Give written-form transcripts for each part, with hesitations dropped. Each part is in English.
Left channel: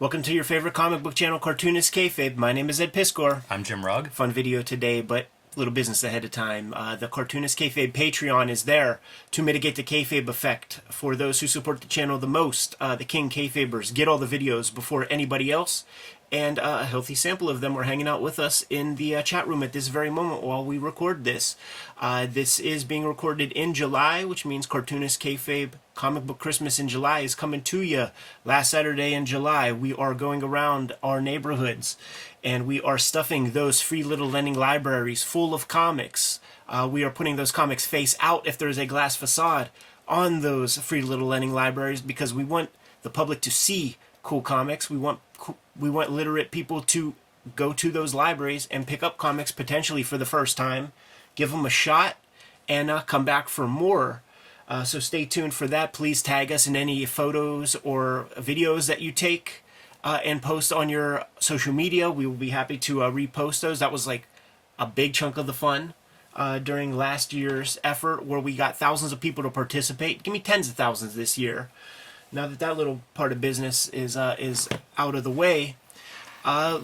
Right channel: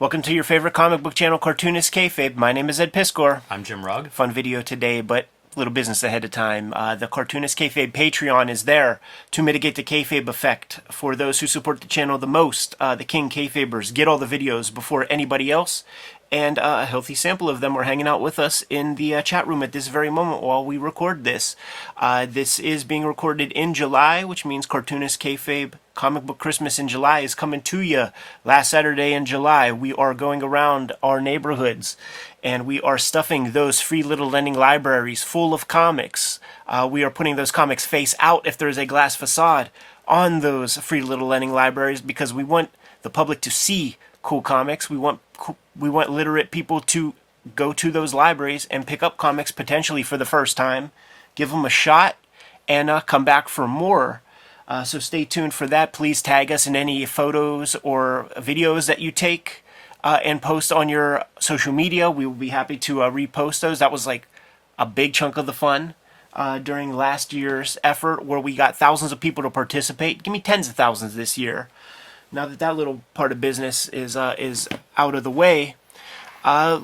Welcome to your favorite comic book channel, Cartoonist Kayfabe. My name is Ed Piscor. I'm Jim Rugg. Fun video today, but little business ahead of time. The Cartoonist Kayfabe Patreon is there to mitigate the kayfabe effect for those who support the channel the most. The King Kayfabers get all the videos before anybody else, and a healthy sample of them are hanging out with us in the chat room at this very moment while we record this. This is being recorded in July, which means Cartoonist Kayfabe Comic Book Christmas in July is coming to you. Last Saturday in July, we are going around our neighborhoods and we are stuffing those free little lending libraries full of comics. We are putting those comics face out, if there is a glass facade, on those free little lending libraries because we want the public to see cool comics. We want literate people to go to those libraries and pick up comics potentially for the first time, give them a shot, and come back for more. So stay tuned for that. Please tag us in any photos or videos that you take and post on your social media. We will be happy to repost those. That was like a big chunk of the fun during last year's effort where we got thousands of people to participate. Give me tens of thousands this year. Now that that little part of business is out of the way,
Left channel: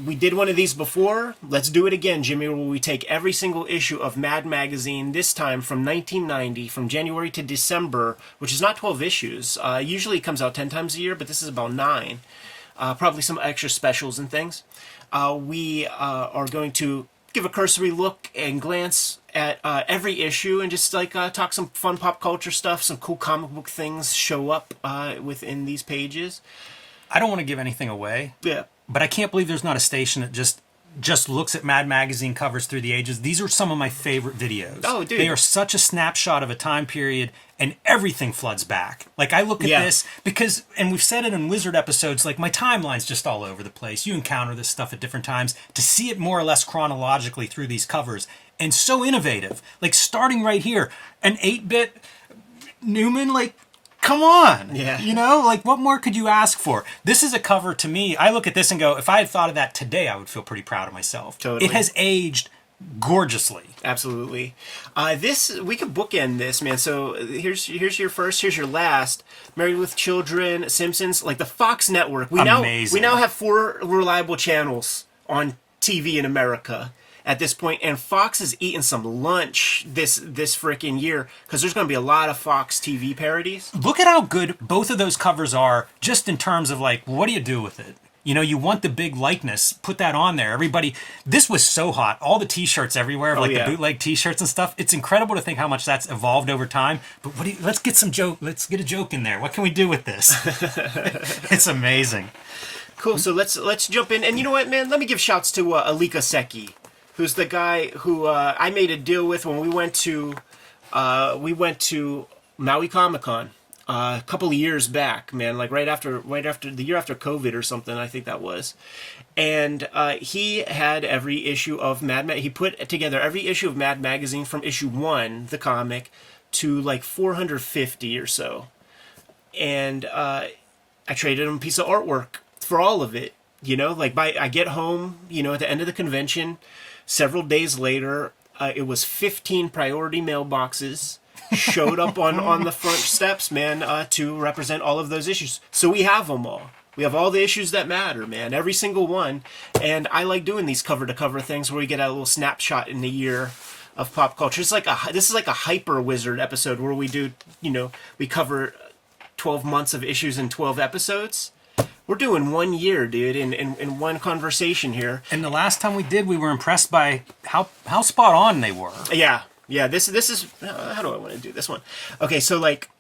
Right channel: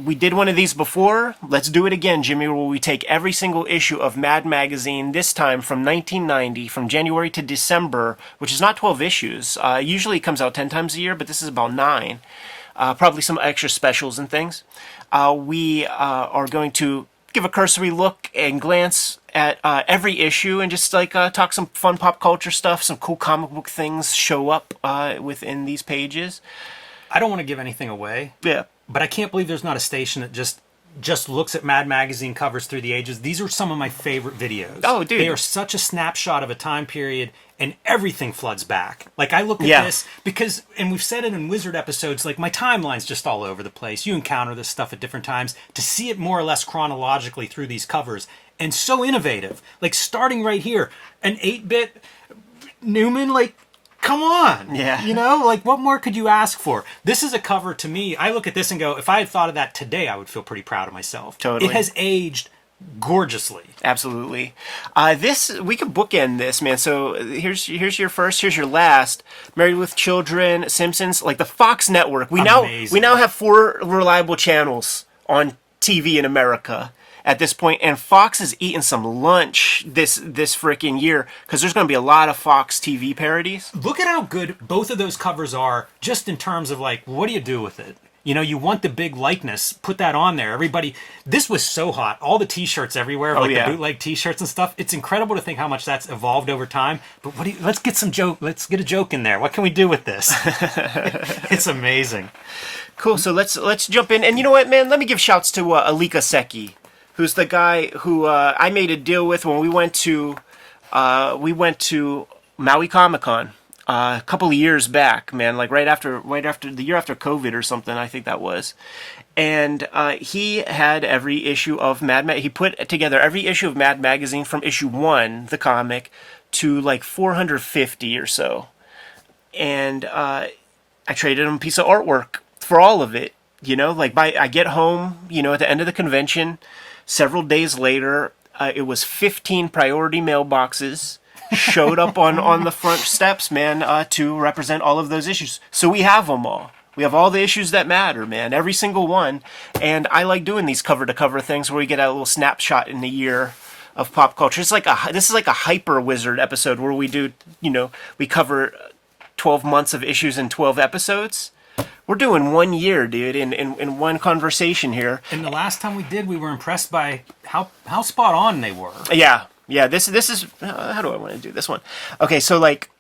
we did one of these before. Let's do it again, Jimmy, where we take every single issue of Mad Magazine, this time from 1990, from January to December, which is not 12 issues. Usually it comes out 10 times a year, but this is about 9. Probably some extra specials and things. We are going to give a cursory look and glance at every issue and just like talk some fun pop culture stuff, some cool comic book things show up within these pages. I don't want to give anything away. Yeah. But I can't believe there's not a station that just looks at Mad Magazine covers through the ages. These are some of my favorite videos. Oh, dude. They are such a snapshot of a time period, and everything floods back. Like, I look at this because, and we've said it in Wizard episodes, like, my timeline's just all over the place. You encounter this stuff at different times. To see it more or less chronologically through these covers, and so innovative. Like, starting right here, an 8-bit Newman, like, come on. Yeah. You know, like, what more could you ask for? This is a cover to me. I look at this and go, if I had thought of that today, I would feel pretty proud of myself. Totally. It has aged gorgeously. Absolutely. This we could bookend this, man. So here's your first, here's your last. Married with Children, Simpsons, like the Fox network. Amazing. We now have 4 reliable channels on TV in America at this point, and Fox is eating some lunch this frickin' year because there's going to be a lot of Fox TV parodies. Look at how good both of those covers are, just in terms of, like, what do you do with it? You know, you want the big likeness, put that on there. Everybody, this was so hot. All the t-shirts everywhere, the bootleg t-shirts and stuff. It's incredible to think how much that's evolved over time. But let's get a joke in there. What can we do with this? It's amazing. Cool, so let's jump in. And you know what, man? Let me give shouts to Alika Seki, who's the guy who I made a deal with when we went to Maui Comic-Con a couple of years back, man, like right after the year after COVID or something, I think that was. And he had every issue of he put together every issue of Mad Magazine from issue 1, the comic, to like 450 or so. And I traded him a piece of artwork for all of it. You know, like I get home, you know, at the end of the convention. Several days later, it was 15 priority mailboxes showed up on the front steps, man, to represent all of those issues. So we have them all. We have all the issues that matter, man, every single one. And I like doing these cover-to-cover things where we get a little snapshot in the year of pop culture. This is like a Hyper Wizard episode where we do, you know, we cover 12 months of issues in 12 episodes. We're doing 1 year, dude, in one conversation here. And the last time we did, we were impressed by how spot on they were. Yeah. This is how do I want to do this one? Okay, so like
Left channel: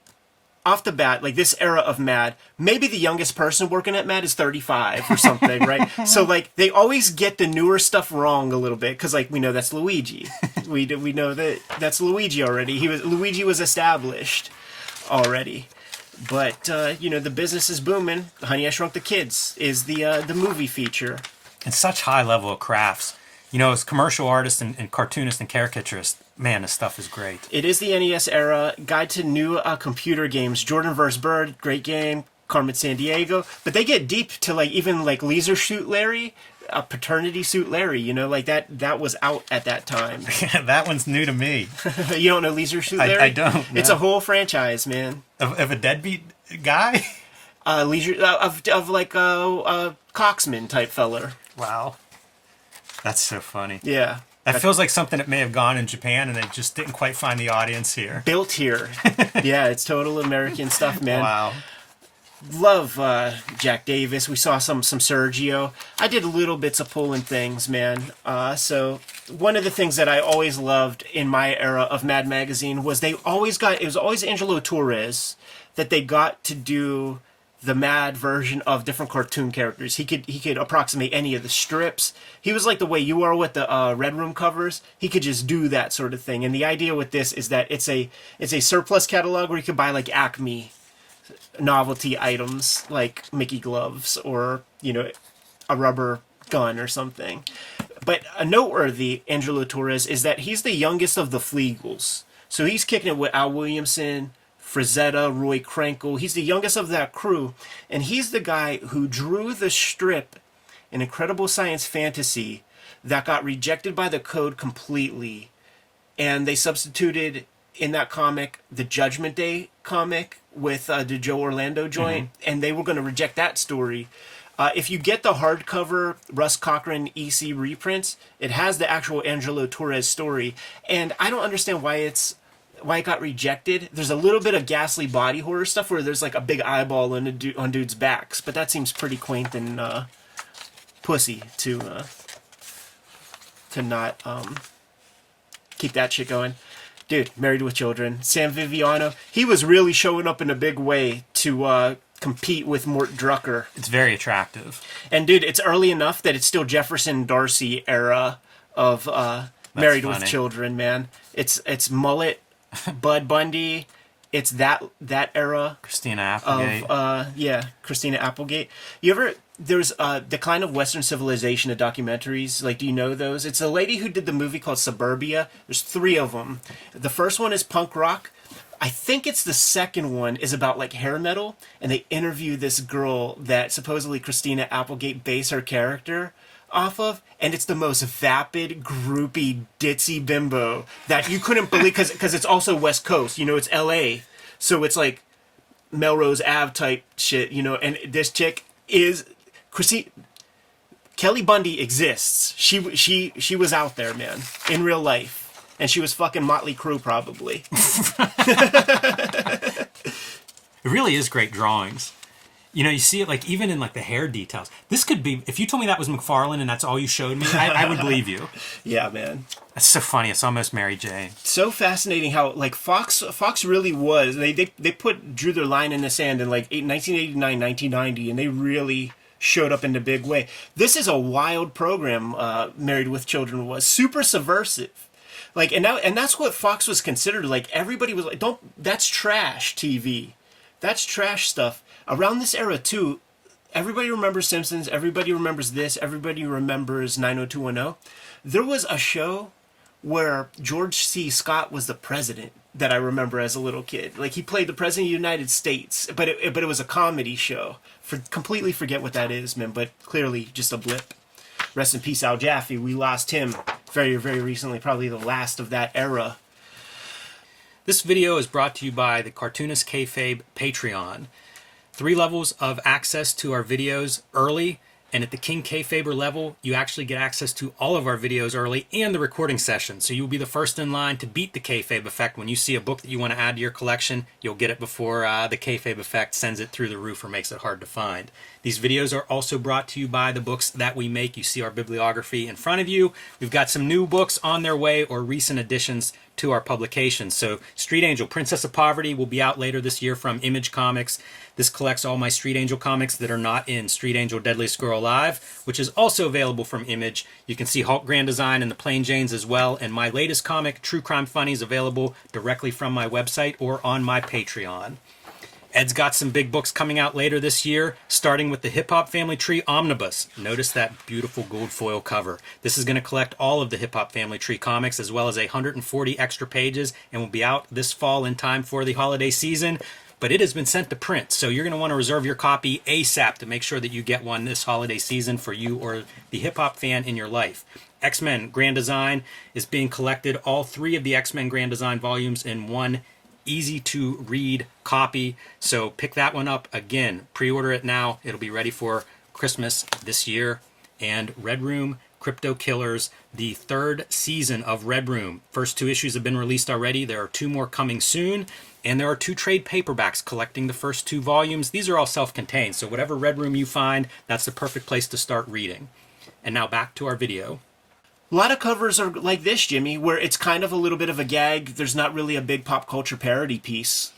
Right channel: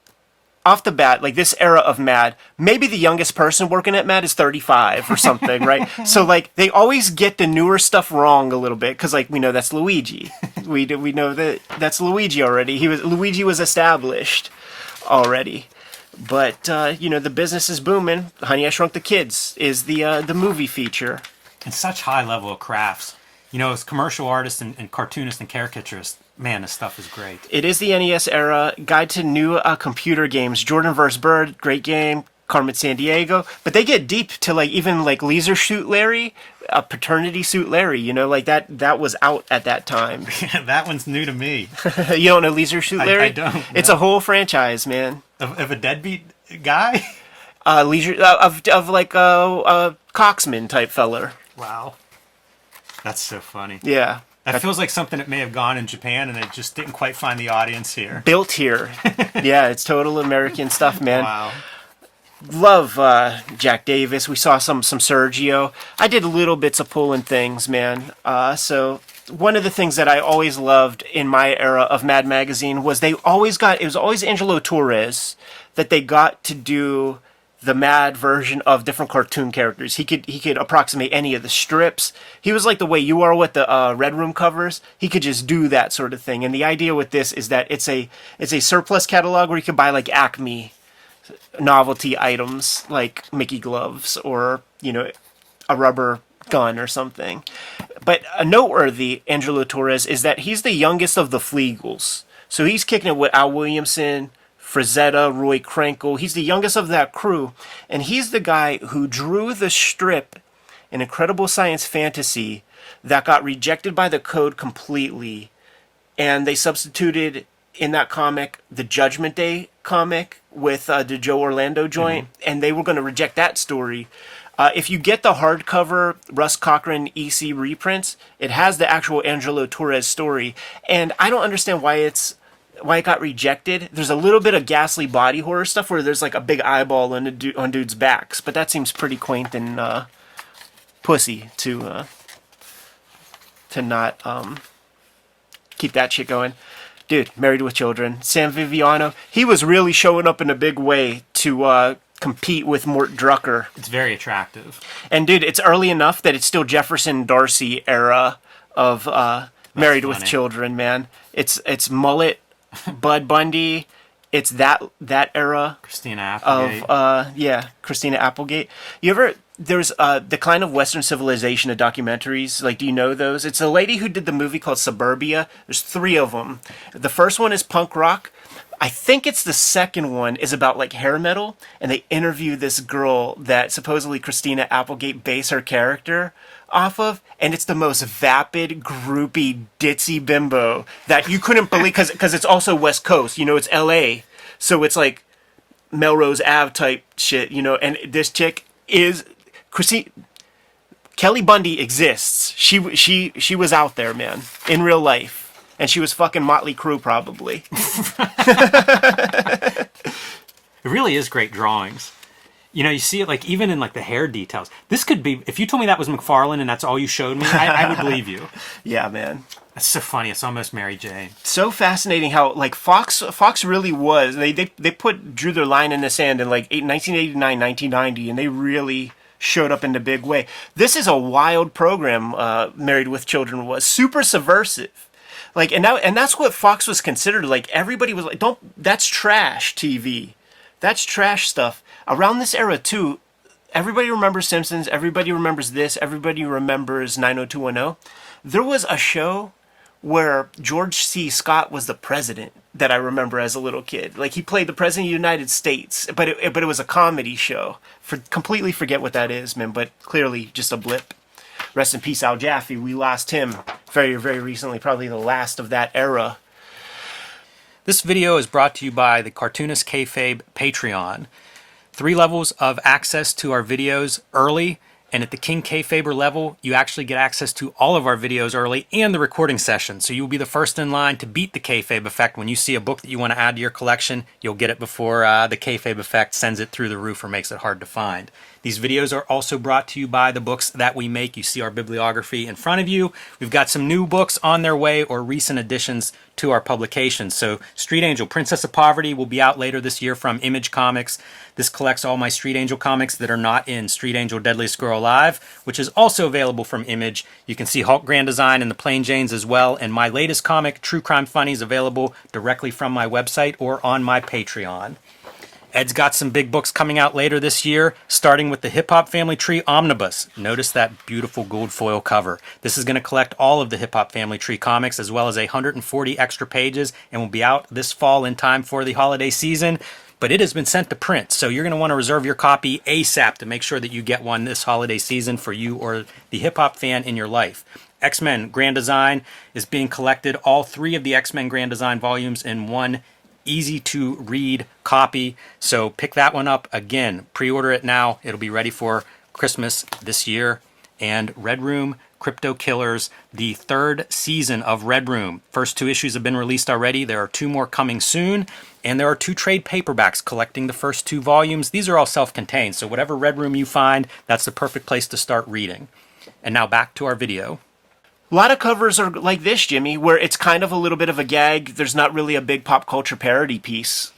off the bat, like this era of Mad, maybe the youngest person working at Mad is 35 or something, right? So like they always get the newer stuff wrong a little bit because like we know that's Luigi. we know that's Luigi already. Luigi was established already. But, you know, the business is booming. Honey, I Shrunk the Kids is the movie feature. And such high level of crafts. You know, as commercial artists and cartoonists and caricaturists, man, this stuff is great. It is the NES era. Guide to New Computer Games. Jordan vs. Bird, great game. Carmen Sandiego. But they get deep to, like, even, like, Leisure Suit Larry. Paternity Suit Larry, you know, like that was out at that time. Yeah, that one's new to me. You don't know Leisure Suit Larry? I don't. It's a whole franchise, man. Of a deadbeat guy? Leisure of like Coxman type feller. Wow. That's so funny. Yeah. That feels like something that may have gone in Japan and it just didn't quite find the audience here. Built here. Yeah, it's total American stuff, man. Wow. Love Jack Davis. We saw some Sergio. I did little bits of pulling things, man. So one of the things that I always loved in my era of Mad Magazine was it was always Angelo Torres that they got to do the Mad version of different cartoon characters. He could approximate any of the strips. He was like the way you are with the Red Room covers. He could just do that sort of thing. And the idea with this is that it's a surplus catalog where you could buy like Acme novelty items like Mickey gloves or, a rubber gun or something. But a noteworthy Angelo Torres is that he's the youngest of the Fleagles. So he's kicking it with Al Williamson, Frazetta, Roy Krenkel. He's the youngest of that crew. And he's the guy who drew the strip in Incredible Science Fantasy that got rejected by the code completely. And they substituted in that comic the Judgment Day comic with the Joe Orlando joint, and they were going to reject that story. If you get the hardcover Russ Cochran EC reprints, it has the actual Angelo Torres story, and I don't understand why it got rejected. There's a little bit of ghastly body horror stuff where there's like a big eyeball on dudes' backs, but that seems pretty quaint and pussy to not keep that shit going. Dude, Married with Children. Sam Viviano, he was really showing up in a big way to compete with Mort Drucker. It's very attractive. And dude, it's early enough that it's still Jefferson Darcy era of Married with Children, man. It's Mullet, Bud Bundy. It's that era. Christina Applegate. Christina Applegate. There's Decline of Western Civilization, of documentaries. Like, do you know those? It's a lady who did the movie called Suburbia. There's 3 of them. The first one is punk rock. I think it's the second one is about like hair metal, and they interview this girl that supposedly Christina Applegate based her character off of, and it's the most vapid, groupie, ditzy bimbo that you couldn't believe, because it's also West Coast, it's LA, so it's like Melrose Ave type shit, and this chick is Kelly Bundy exists. She was out there, man, in real life. And she was fucking Motley Crue, probably. It really is great drawings. You see it like even in like the hair details. This could be, if you told me that was McFarlane and that's all you showed me, I would believe you. Yeah, man. That's so funny. It's almost Mary Jane. So fascinating how like Fox really was. They drew their line in the sand in like 1989, 1990, and they really showed up in a big way. This is a wild program. Married with Children was super subversive. Like, and that's what Fox was considered. Like, everybody was like, that's trash TV. That's trash stuff. Around this era, too, everybody remembers Simpsons. Everybody remembers this. Everybody remembers 90210. There was a show where George C. Scott was the president that I remember as a little kid. Like, he played the president of the United States, but it was a comedy show. Completely forget what that is, man, but clearly just a blip. Rest in peace, Al Jaffe. We lost him very, very recently, probably the last of that era. This video is brought to you by the Cartoonist Kayfabe Patreon. 3 levels of access to our videos early, and at the King Kayfaber level, you actually get access to all of our videos early and the recording session. So you'll be the first in line to beat the Kayfabe effect. When you see a book that you want to add to your collection, you'll get it before the Kayfabe effect sends it through the roof or makes it hard to find. These videos are also brought to you by the books that we make. You see our bibliography in front of you. We've got some new books on their way or recent additions to our publications. So Street Angel, Princess of Poverty will be out later this year from Image Comics. This collects all my Street Angel comics that are not in Street Angel Deadliest Girl Alive, which is also available from Image. You can see Hulk Grand Design and the Plain Janes as well. And my latest comic, True Crime Funnies, available directly from my website or on my Patreon. Ed's got some big books coming out later this year, starting with the Hip Hop Family Tree Omnibus. Notice that beautiful gold foil cover. This is going to collect all of the Hip Hop Family Tree comics as well as 140 extra pages and will be out this fall in time for the holiday season. But it has been sent to print, so you're going to want to reserve your copy ASAP to make sure that you get one this holiday season for you or the hip-hop fan in your life. X-Men Grand Design is being collected, all 3 of the X-Men Grand Design volumes in one easy-to-read copy. So pick that one up. Again, pre-order it now. It'll be ready for Christmas this year. And Red Room Crypto Killers, the 3rd season of Red Room. First 2 issues have been released already. There are 2 more coming soon. And there are 2 trade paperbacks collecting the first 2 volumes. These are all self-contained, so whatever Red Room you find, that's the perfect place to start reading. And now back to our video. A lot of covers are like this, Jimmy, where it's kind of a little bit of a gag. There's not really a big pop culture parody piece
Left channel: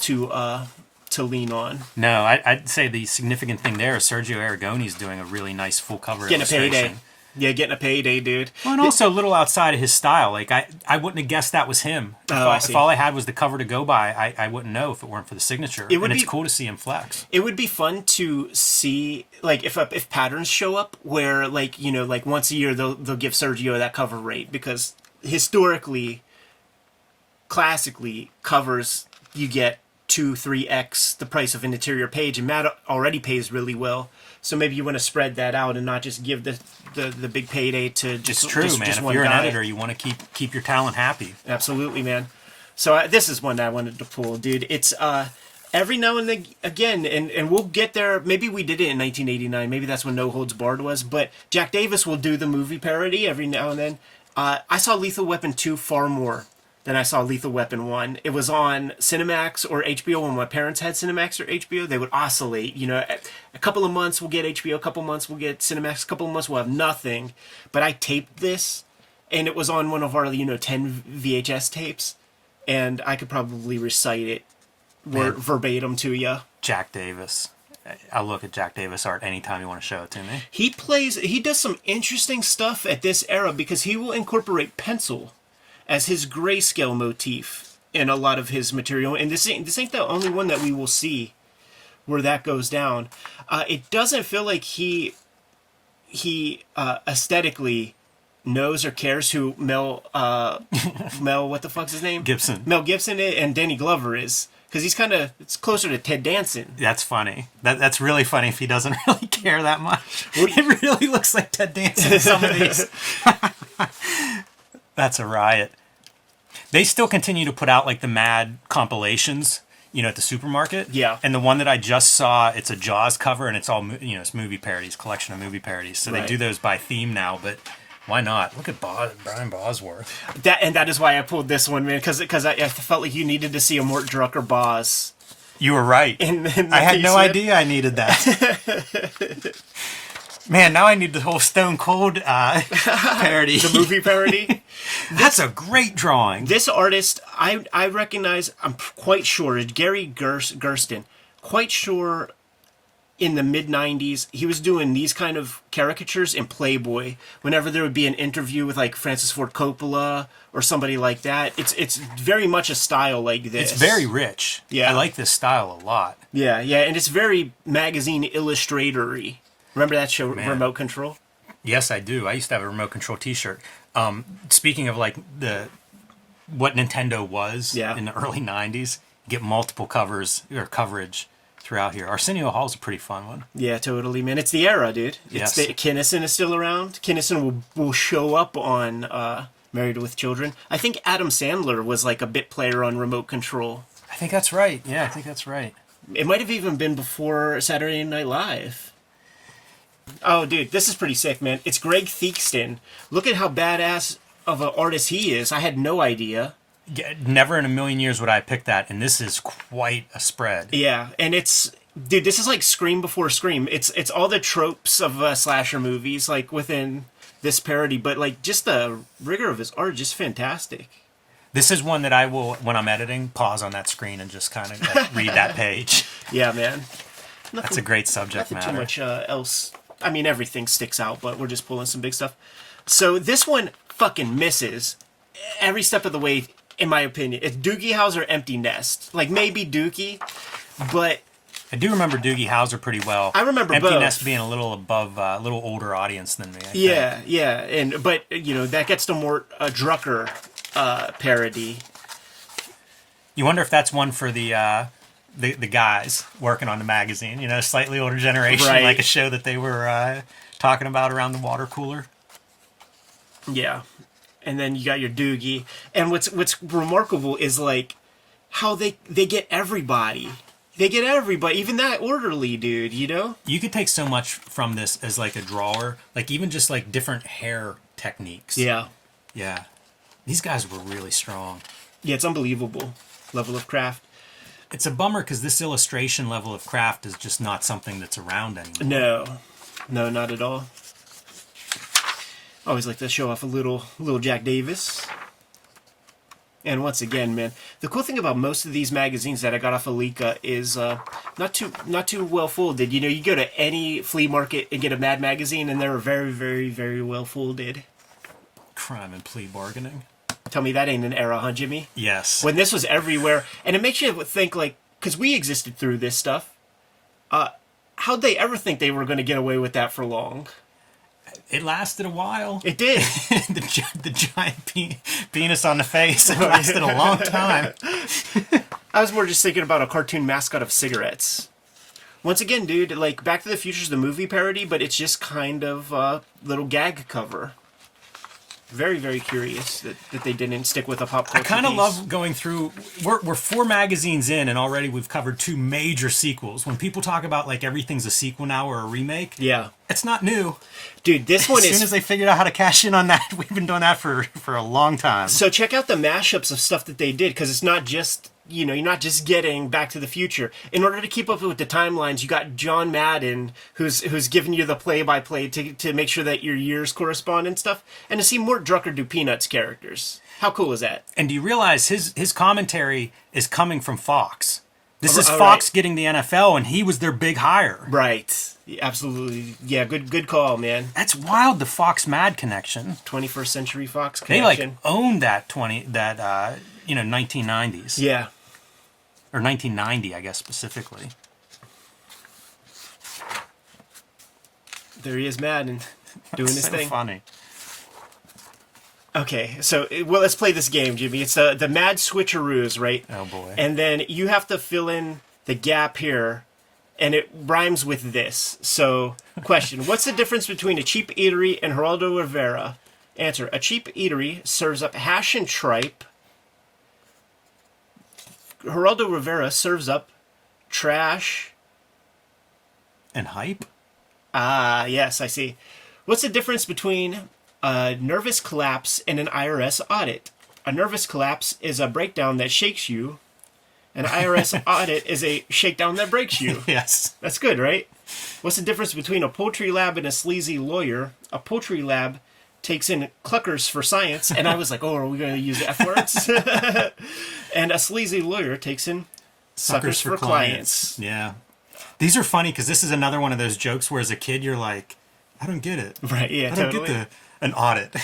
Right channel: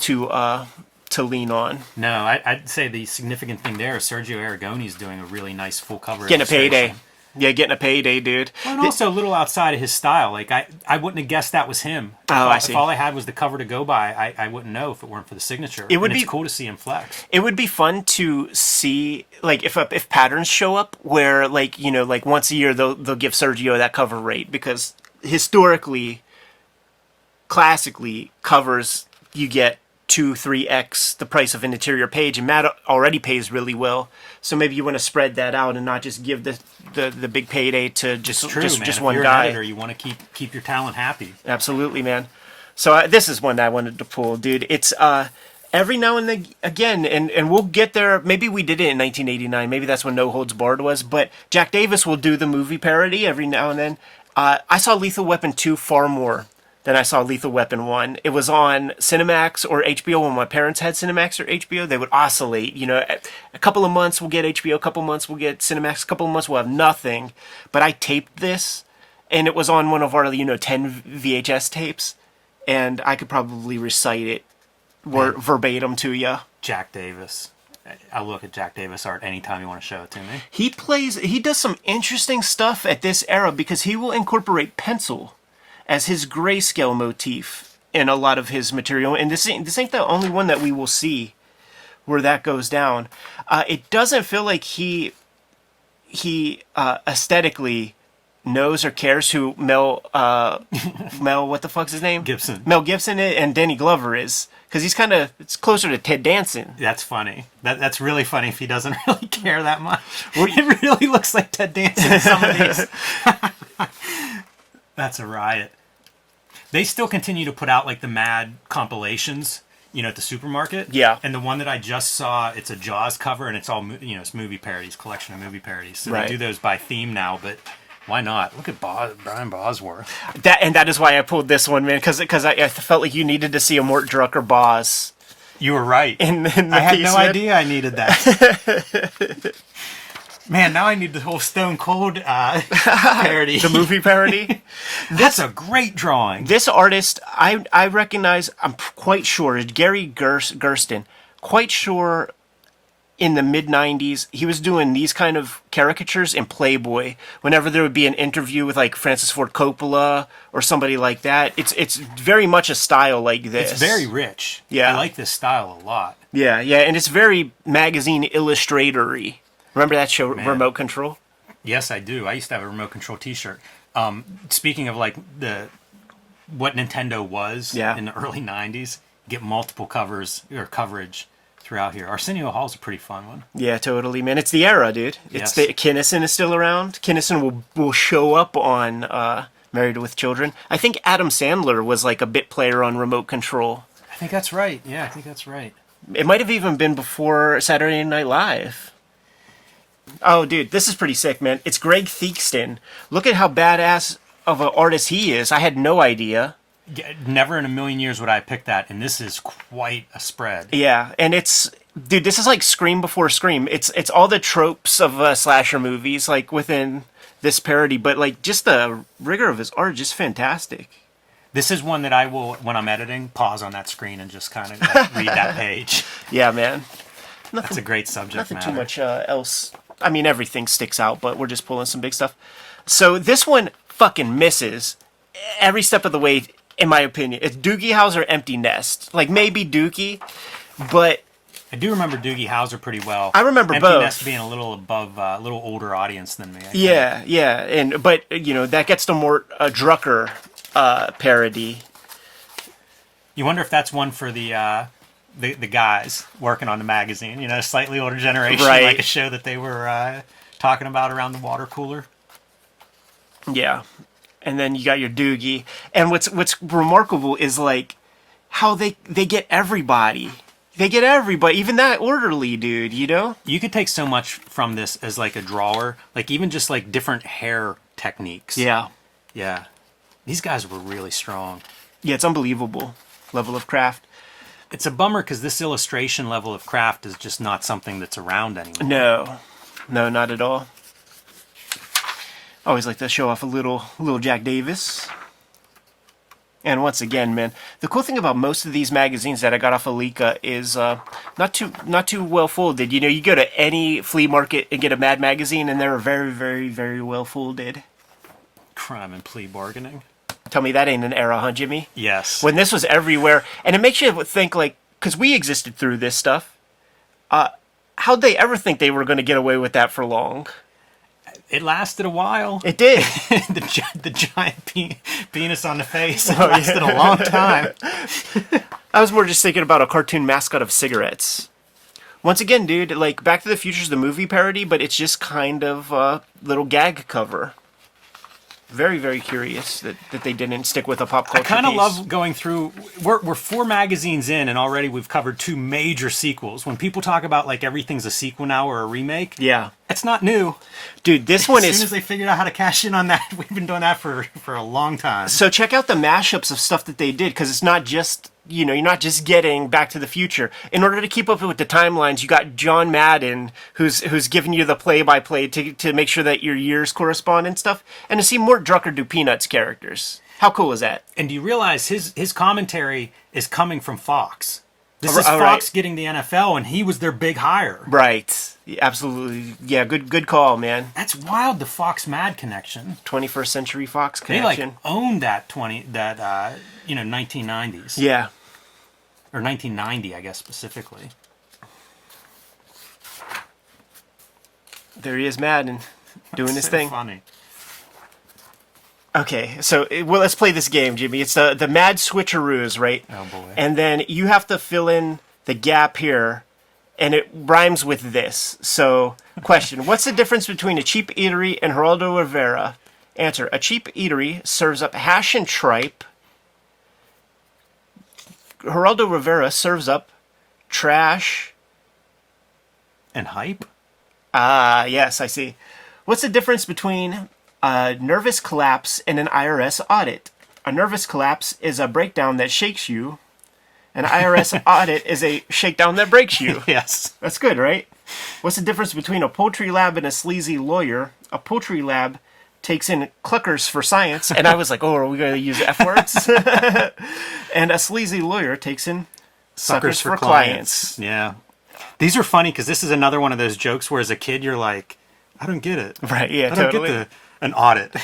to lean on. No, I'd say the significant thing there is Sergio Aragone's doing a really nice full cover Getting illustration. a payday. Yeah, getting a payday, dude. Well, and also a little outside of his style. Like, I wouldn't have guessed that was him. If all I had was the cover to go by, I wouldn't know if it weren't for the signature. It's cool to see him flex. It would be fun to see, like, if patterns show up where, like, you know, like once a year they'll give Sergio that cover rate, because historically, classically, covers you get 2-3x the price of an interior page, and Matt already pays really well. So maybe you want to spread that out and not just give the big payday to just. It's true, just, man. just if one you're guy. an editor, you want to keep your talent happy. Absolutely, man. So this is one that I wanted to pull, dude. It's every now and again, and we'll get there. Maybe we did it in 1989. Maybe that's when No Holds Barred was. But Jack Davis will do the movie parody every now and then. I saw Lethal Weapon 2 far more than I saw Lethal Weapon 1. It was on Cinemax or HBO. When my parents had Cinemax or HBO, they would oscillate. You know, a couple of months we'll get HBO, a couple of months we'll get Cinemax, a couple of months we'll have nothing. But I taped this, and it was on one of our, 10 VHS tapes, and I could probably recite it verbatim to you. Jack Davis. I'll look at Jack Davis art anytime you want to show it to me. He does some interesting stuff at this era because he will incorporate pencil as his grayscale motif in a lot of his material. And this ain't the only one that we will see where that goes down. It doesn't feel like he aesthetically knows or cares who Mel, what the fuck's his name? Gibson. Mel Gibson and Danny Glover is. Because it's closer to Ted Danson. That's funny. That's really funny if he doesn't really care that much. It really looks like Ted Danson in some of these. That's a riot. They still continue to put out like the Mad compilations, at the supermarket. Yeah. And the one that I just saw, it's a Jaws cover, and it's all it's movie parodies, collection of movie parodies. So Right. they do those by theme now, but why not? Look at Brian Bosworth. That is why I pulled this one, man, because I felt like you needed to see a Mort Drucker Boz. You were right. I had no idea I needed that. Man, now I need the whole Stone Cold parody. The movie parody. That's a great drawing. This artist, I recognize, I'm quite sure, Gary Gersten, quite sure in the mid-90s, he was doing these kind of caricatures in Playboy. Whenever there would be an interview with, like, Francis Ford Coppola or somebody like that, it's very much a style like this. It's very rich. Yeah. I like this style a lot. Yeah, and it's very magazine illustrator-y. Remember that show, Man. Remote Control? Yes, I do. I used to have a remote control T-shirt. Speaking of like what Nintendo was in the early '90s, you get multiple covers or coverage throughout here. Arsenio Hall's a pretty fun one. Yeah, totally, man. It's the era, dude. Yes. Kinnison is still around. Kinnison will show up on Married with Children. I think Adam Sandler was like a bit player on Remote Control. I think that's right. Yeah, I think that's right. It might have even been before Saturday Night Live. Oh, dude, this is pretty sick, man. It's Greg Theakston. Look at how badass of an artist he is. I had no idea. Yeah, never in a million years would I pick that, and this is quite a spread. Yeah, and dude, this is like Scream before Scream. It's all the tropes of slasher movies, like within this parody, but like just the rigor of his art, just fantastic. This is one that I will, when I'm editing, pause on that screen and just kind of like read that page. Yeah, man. That's a great subject Nothing matter. too much else. I mean, everything sticks out, but we're just pulling some big stuff. So this one fucking misses every step of the way, in my opinion. It's Doogie Howser Empty Nest. Like, maybe Dookie, but I do remember Doogie Howser pretty well. I remember Empty both. Nest being a little above, a little older audience than me. I think. Yeah. But, that gets to Mort Drucker parody. You wonder if that's one for the guys working on the magazine, slightly older generation, Right. like a show that they were talking about around the water cooler. Yeah. And then you got your Doogie. And what's remarkable is, like, how they get everybody. They get everybody, even that orderly dude, you know? You could take so much from this as like a drawer, like even just like different hair techniques. Yeah. Yeah. These guys were really strong. Yeah, it's unbelievable level of craft. It's a bummer because this illustration level of craft is just not something that's around anymore. No, not at all. Always like to show off a little Jack Davis. And once again, man, the cool thing about most of these magazines that I got off of Leica is not too well folded. You know, you go to any flea market and get a Mad magazine, and they're very, very, very well folded. Crime and plea bargaining. Tell me that ain't an era, huh, Jimmy? Yes. When this was everywhere, and it makes you think, like, because we existed through this stuff, how'd they ever think they were going to get away with that for long? It lasted a while. It did. the giant penis on the face. It lasted a long time. I was more just thinking about a cartoon mascot of cigarettes. Once again, dude, like, Back to the Future's the movie parody, but it's just kind of a little gag cover. Very, very curious that they didn't stick with a pop culture I kind of piece. love going through. We're 4 magazines in, and already we've covered 2 major sequels. When people talk about like everything's a sequel now or a remake, Yeah. it's not new. Dude, this one As soon as they figured out how to cash in on that, we've been doing that for a long time. So check out the mashups of stuff that they did, because it's not just, you know, you're not just getting Back to the Future. In order to keep up with the timelines, you got John Madden, who's giving you the play-by-play to make sure that your years correspond and stuff, and to see more Drucker Do Peanuts characters. How cool is that? And do you realize his commentary is coming from Fox? This is All Fox right. getting the NFL, and he was their big hire. Right. Absolutely. Yeah, good call, man. That's wild, the Fox Mad connection. 21st Century Fox They connection. like owned that 1990s. Yeah. Or 1990, I guess, specifically. There he is, Madden, doing his So thing. funny. Okay, so well, let's play this game, Jimmy. It's the Mad Switcheroos, right? Oh, boy. And then you have to fill in the gap here, and it rhymes with this. So, question: what's the difference between a cheap eatery and Geraldo Rivera? Answer: a cheap eatery serves up hash and tripe. Geraldo Rivera serves up trash. And hype? Ah, yes, I see. What's the difference between a nervous collapse and an IRS audit? A nervous collapse is a breakdown that shakes you. An IRS audit is a shakedown that breaks you. Yes. That's good, right? What's the difference between a poultry lab and a sleazy lawyer? A poultry lab takes in cluckers for science. And I was like, oh, are we going to use F words? And a sleazy lawyer takes in Suckers for clients. Yeah. These are funny because this is another one of those jokes where as a kid you're like, I don't get it. Right, yeah, I don't totally. get an audit.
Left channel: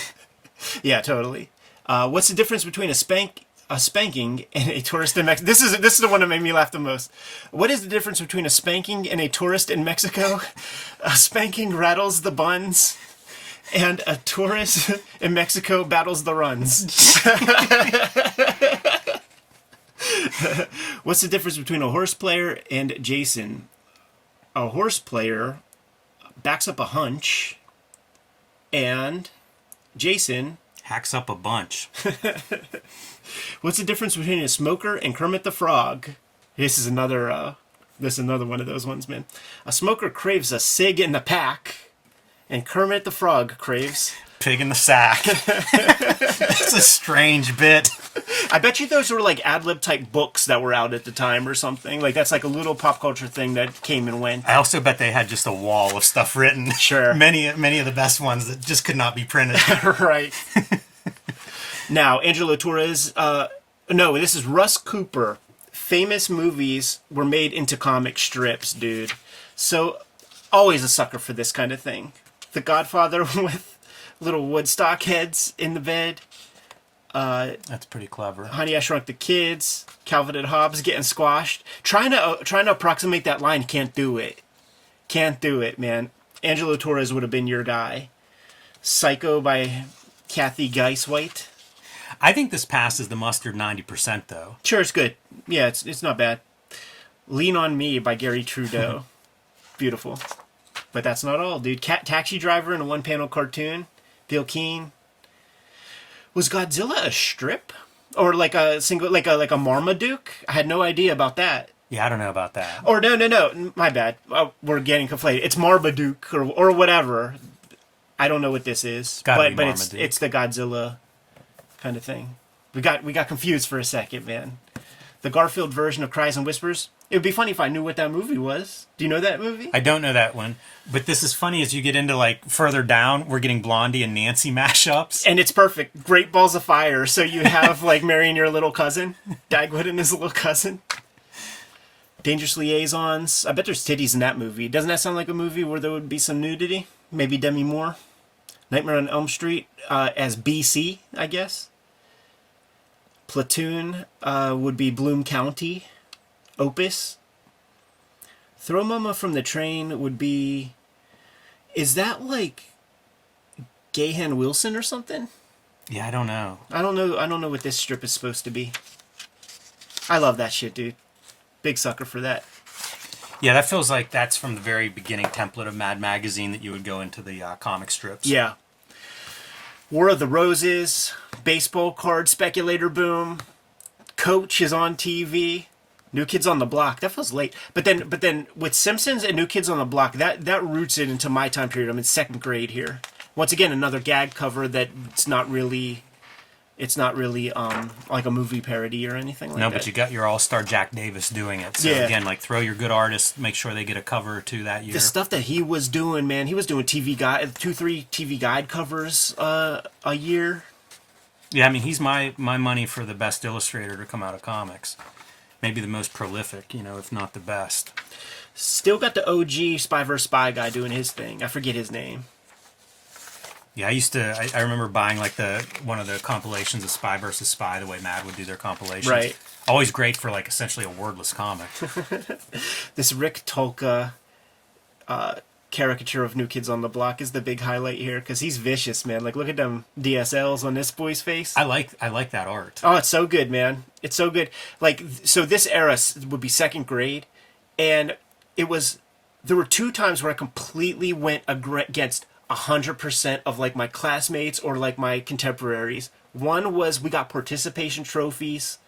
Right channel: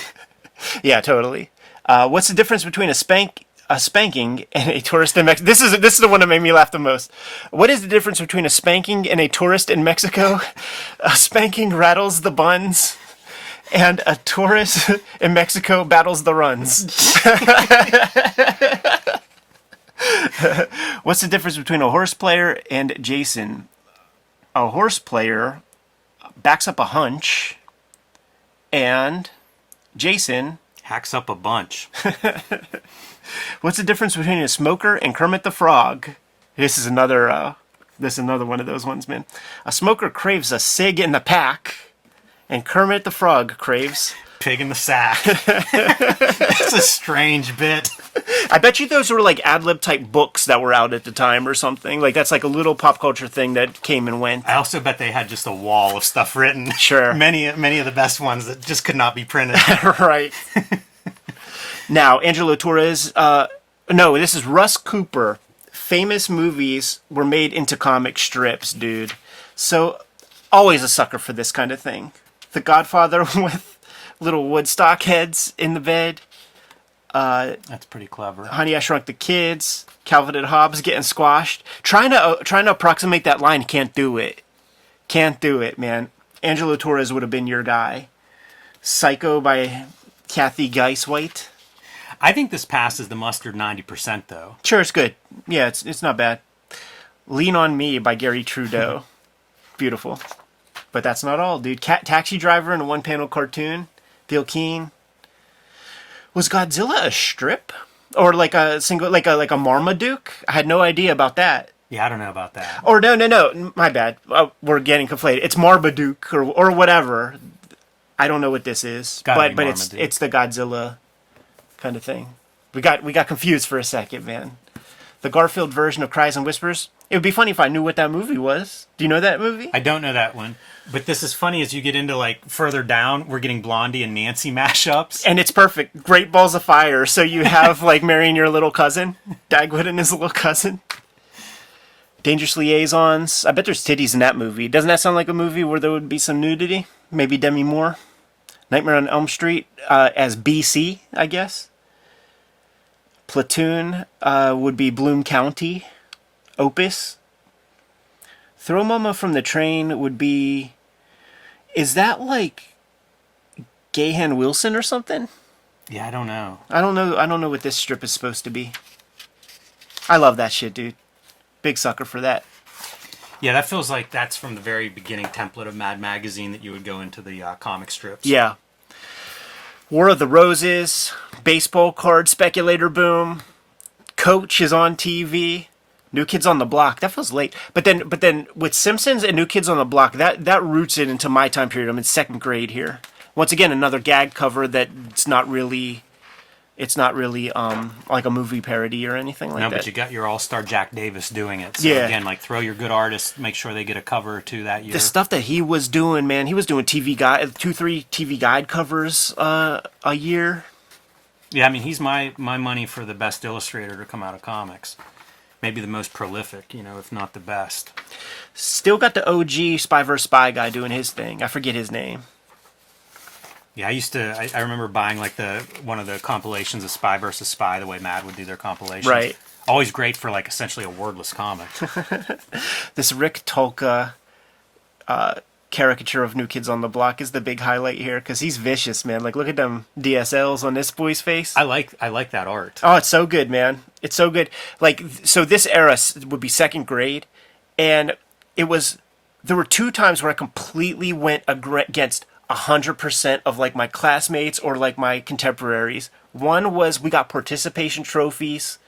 Yeah, totally. What's the difference between a spanking and a tourist in Mexico? This is the one that made me laugh the most. What is the difference between a spanking and a tourist in Mexico? A spanking rattles the buns, and a tourist in Mexico battles the runs. What's the difference between a horse player and Jason? A horse player backs up a hunch, and Jason... Hacks up a bunch. What's the difference between a smoker and Kermit the Frog? This is another one of those ones, man. A smoker craves a cig in the pack, and Kermit the Frog craves... Pig in the sack. It's a strange bit. I bet you those were like ad-lib type books that were out at the time or something. Like that's like a little pop culture thing that came and went. I also bet they had just a wall of stuff written. Sure. Many of the best ones that just could not be printed. Right. Now, Angelo Torres, no, this is Russ Cooper. Famous movies were made into comic strips, dude. So, always a sucker for this kind of thing. The Godfather with little Woodstock heads in the bed. That's pretty clever. Honey, I Shrunk the Kids. Calvin and Hobbes getting squashed. Trying to approximate that line, can't do it. Can't do it, man. Angelo Torres would have been your guy. Psycho by Kathy Geiswhite. I think this passes the mustard 90%, though. Sure, it's good. Yeah, it's not bad. Lean on Me by Gary Trudeau. Beautiful. But that's not all, dude. Taxi Driver in a one-panel cartoon. Bill Keane. Was Godzilla a strip? Or like a single, like a Marmaduke? I had no idea about that. Yeah, I don't know about that. Or no, my bad. We're getting conflated. It's Marmaduke or whatever. I don't know what this is. Gotta be but Marmaduke. it's the Godzilla kind of thing. We got confused for a second, man. The Garfield version of Cries and Whispers. It would be funny if I knew what that movie was. Do you know that movie? I don't know that one. But this is funny as you get into like further down, we're getting Blondie and Nancy mashups. And it's perfect. Great Balls of Fire. So you have like marrying your little cousin. Dagwood and his little cousin. Dangerous Liaisons. I bet there's titties in that movie. Doesn't that sound like a movie where there would be some nudity? Maybe Demi Moore. Nightmare on Elm Street as BC, I guess. Platoon would be Bloom County. Opus. Throw Mama from the Train would be... Is that like Gahan Wilson or something? Yeah, I don't know. I don't know what this strip is supposed to be. I love that shit, dude. Big sucker for that. Yeah, that feels like that's from the very beginning template of Mad Magazine that you would go into the comic strips. Yeah. War of the Roses, baseball card speculator boom, Coach is on TV, New Kids on the Block. That feels late. But then with Simpsons and New Kids on the Block, that roots it into my time period. I'm in second grade here. Once again, another gag cover that it's not really like a movie parody or anything like that. No, but you got your all-star Jack Davis doing it. So again, like throw your good artists, make sure they get a cover or two that year. The stuff that he was doing, man, he was doing TV guide, 2-3 TV guide covers a year. Yeah, I mean, he's my money for the best illustrator to come out of comics. Maybe the most prolific, if not the best. Still got the OG Spy vs. Spy guy doing his thing. I forget his name. Yeah, I remember buying like one of the compilations of Spy vs. Spy, the way Mad would do their compilations. Right. Always great for like essentially a wordless comic. This Rick Tolka caricature of New Kids on the Block is the big highlight here because he's vicious, man. Like, look at them DSLs on this boy's face. I like that art. Oh, it's so good, man. It's so good. Like, so this era would be second grade, and there were 2 times where I completely went against 100% of like my classmates or like my contemporaries. One was we got participation trophies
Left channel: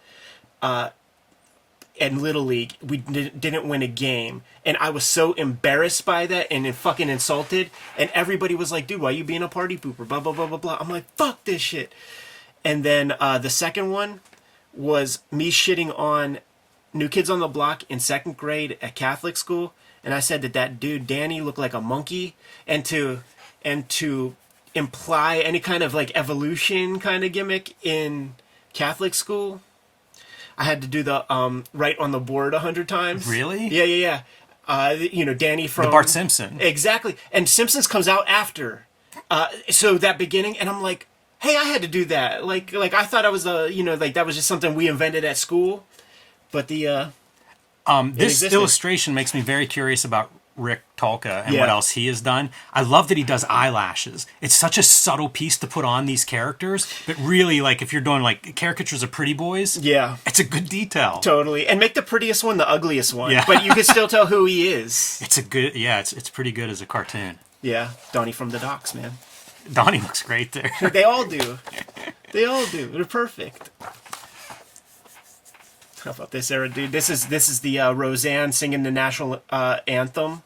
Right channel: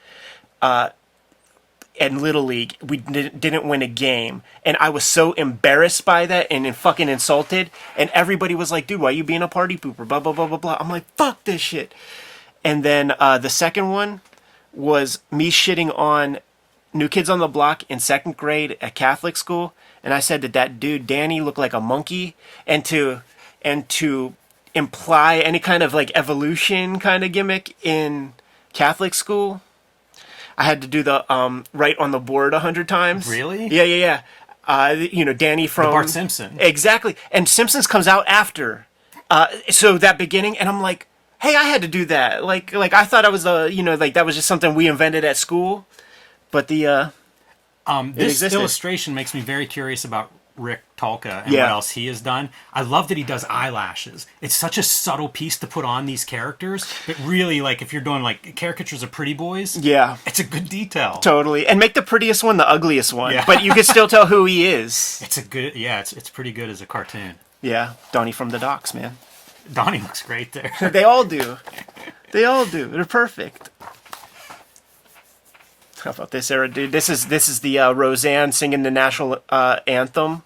in Little League. We didn't win a game, and I was so embarrassed by that and fucking insulted, and everybody was like, dude, why are you being a party pooper, blah blah blah blah blah. I'm like, fuck this shit. And then the second one was me shitting on New Kids on the Block in second grade at Catholic school, and I said that dude Danny looked like a monkey, and to imply any kind of like evolution kind of gimmick in Catholic school, I had to do the write on the board 100 times. Really? Yeah. Danny from The Bart Simpson. Exactly. And Simpsons comes out after. So that beginning, and I'm like, hey, I had to do that. Like I thought I was that was just something we invented at school. But this illustration makes me very curious about Rick Tolka and what else he has done. I love that he does eyelashes. It's such a subtle piece to put on these characters, but really, like, if you're doing like caricatures of pretty boys, it's a good detail. Totally. And make the prettiest one the ugliest one. Yeah. But you can still tell who he is. It's it's pretty good as a cartoon. Yeah, Donnie from the Docks, man. Donnie looks great there. They all do. They're perfect. How about this era, dude? This is the Roseanne singing the national anthem.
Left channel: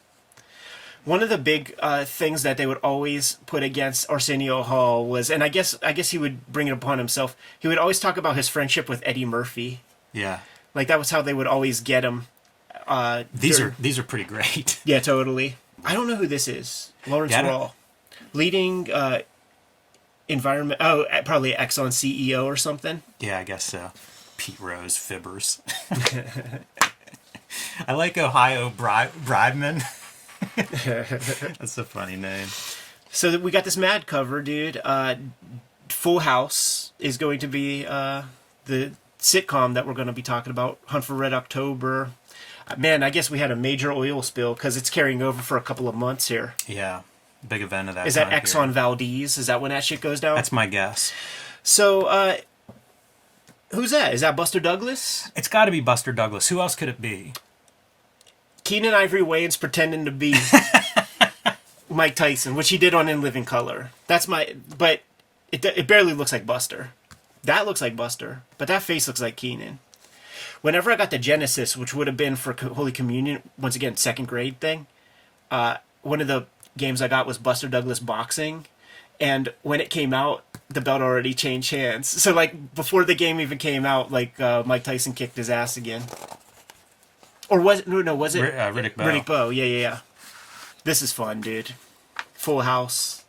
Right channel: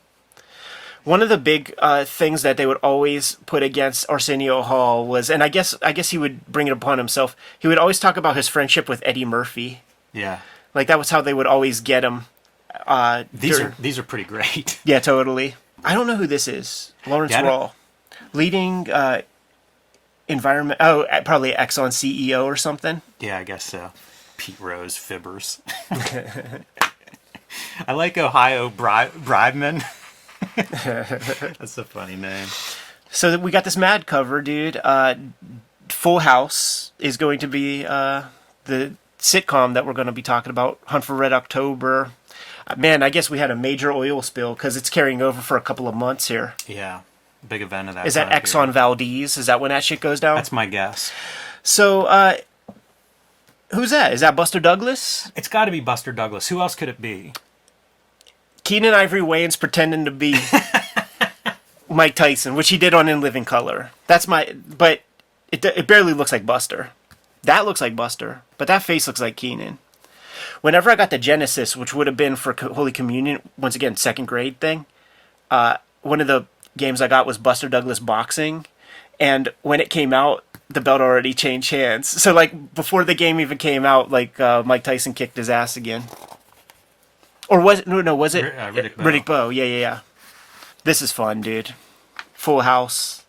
One of the big things that they would always put against Arsenio Hall was, and I guess he would bring it upon himself. He would always talk about his friendship with Eddie Murphy. Yeah, like that was how they would always get him. These are pretty great. Yeah, totally. I don't know who this is. Lawrence Rawl, leading environment. Oh, probably Exxon CEO or something. Yeah, I guess so. Pete Rose Fibbers. I like Ohio Bribeman. That's a funny name. So we got this Mad cover, dude. Full House is going to be the sitcom that we're going to be talking about. Hunt for Red October. Man, I guess we had a major oil spill because it's carrying over for a couple of months here. Yeah, big event of that. Is that Exxon Valdez? Is that when that shit goes down? That's my guess. So, who's that? Is that Buster Douglas? It's got to be Buster Douglas. Who else could it be? Keenan Ivory Wayans pretending to be Mike Tyson, which he did on In Living Color. But it barely looks like Buster. That looks like Buster, but that face looks like Keenan. whenever I got the Genesis, which would have been for Holy Communion, once again, second grade thing, one of the games I got was Buster Douglas Boxing. And when it came out, the belt already changed hands. So, like, before the game even came out, like, Mike Tyson kicked his ass again. Or was it? No, was it? Riddick Bowe. Riddick Bowe, yeah. This is fun, dude. Full House.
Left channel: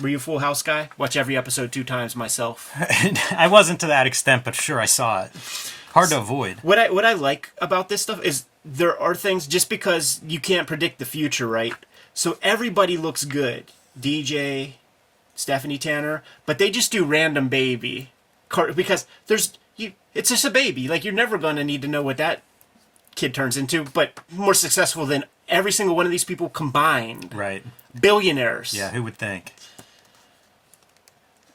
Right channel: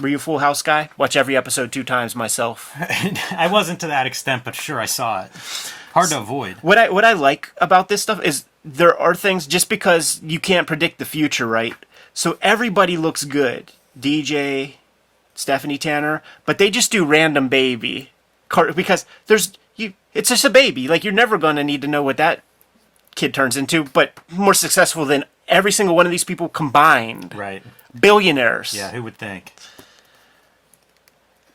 Were you a Full House guy? Watch every episode 2 times myself. I wasn't to that extent, but sure, I saw it. Hard to avoid. What I like about this stuff is there are things, just because you can't predict the future, right? So everybody looks good. DJ, Stephanie Tanner, but they just do random baby. Because it's just a baby. Like, you're never going to need to know what that kid turns into, but more successful than every single one of these people combined. Right. Billionaires. Yeah, who would think?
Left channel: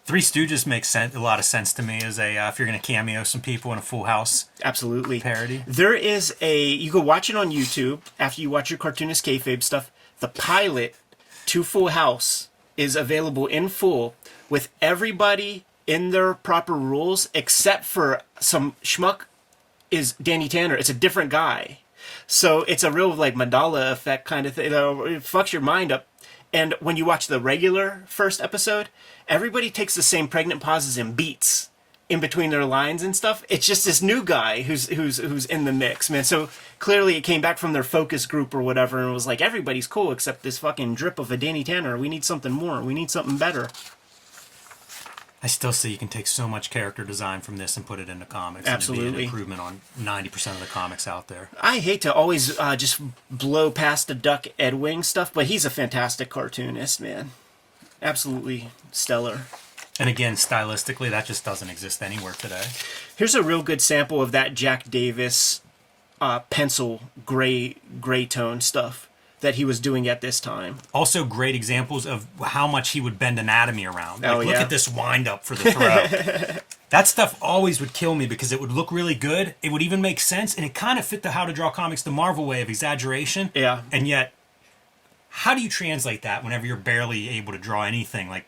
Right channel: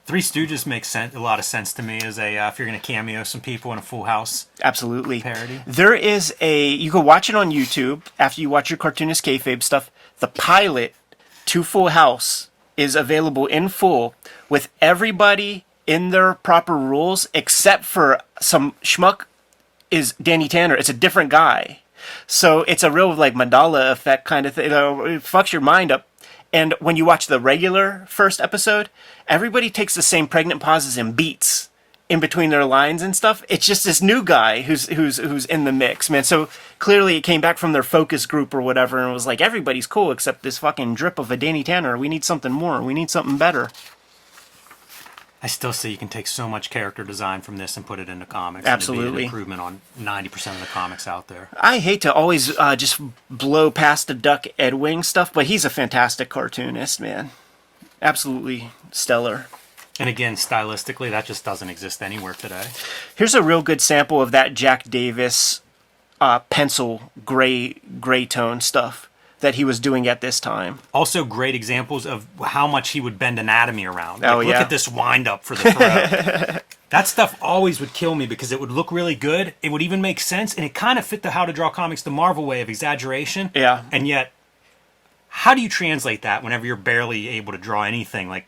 Three Stooges makes a lot of sense to me as if you're going to cameo some people in a Full House Absolutely. parody. There is you can watch it on YouTube after you watch your Cartoonist Kayfabe stuff. The pilot to Full House is available in full with everybody in their proper rules, except for some schmuck is Danny Tanner. It's a different guy. So it's a real, like, Mandela effect kind of thing. It fucks your mind up. And when you watch the regular first episode, everybody takes the same pregnant pauses and beats in between their lines and stuff. It's just this new guy who's in the mix, man. So clearly it came back from their focus group or whatever and was like, everybody's cool except this fucking drip of a Danny Tanner. We need something more. We need something better. I still say you can take so much character design from this and put it into comics. Absolutely. And it'd be an improvement on 90% of the comics out there. I hate to always just blow past the Duck Ed Wing stuff, but he's a fantastic cartoonist, man. Absolutely stellar. And again, stylistically, that just doesn't exist anywhere today. Here's a real good sample of that Jack Davis pencil gray tone stuff that he was doing at this time. Also, great examples of how much he would bend anatomy around. Like, look at this wind up for the throw. That stuff always would kill me because it would look really good. It would even make sense, and it kind of fit the How to Draw Comics the Marvel way of exaggeration. Yeah. And yet, how do you translate that whenever you're barely able to draw anything? Like,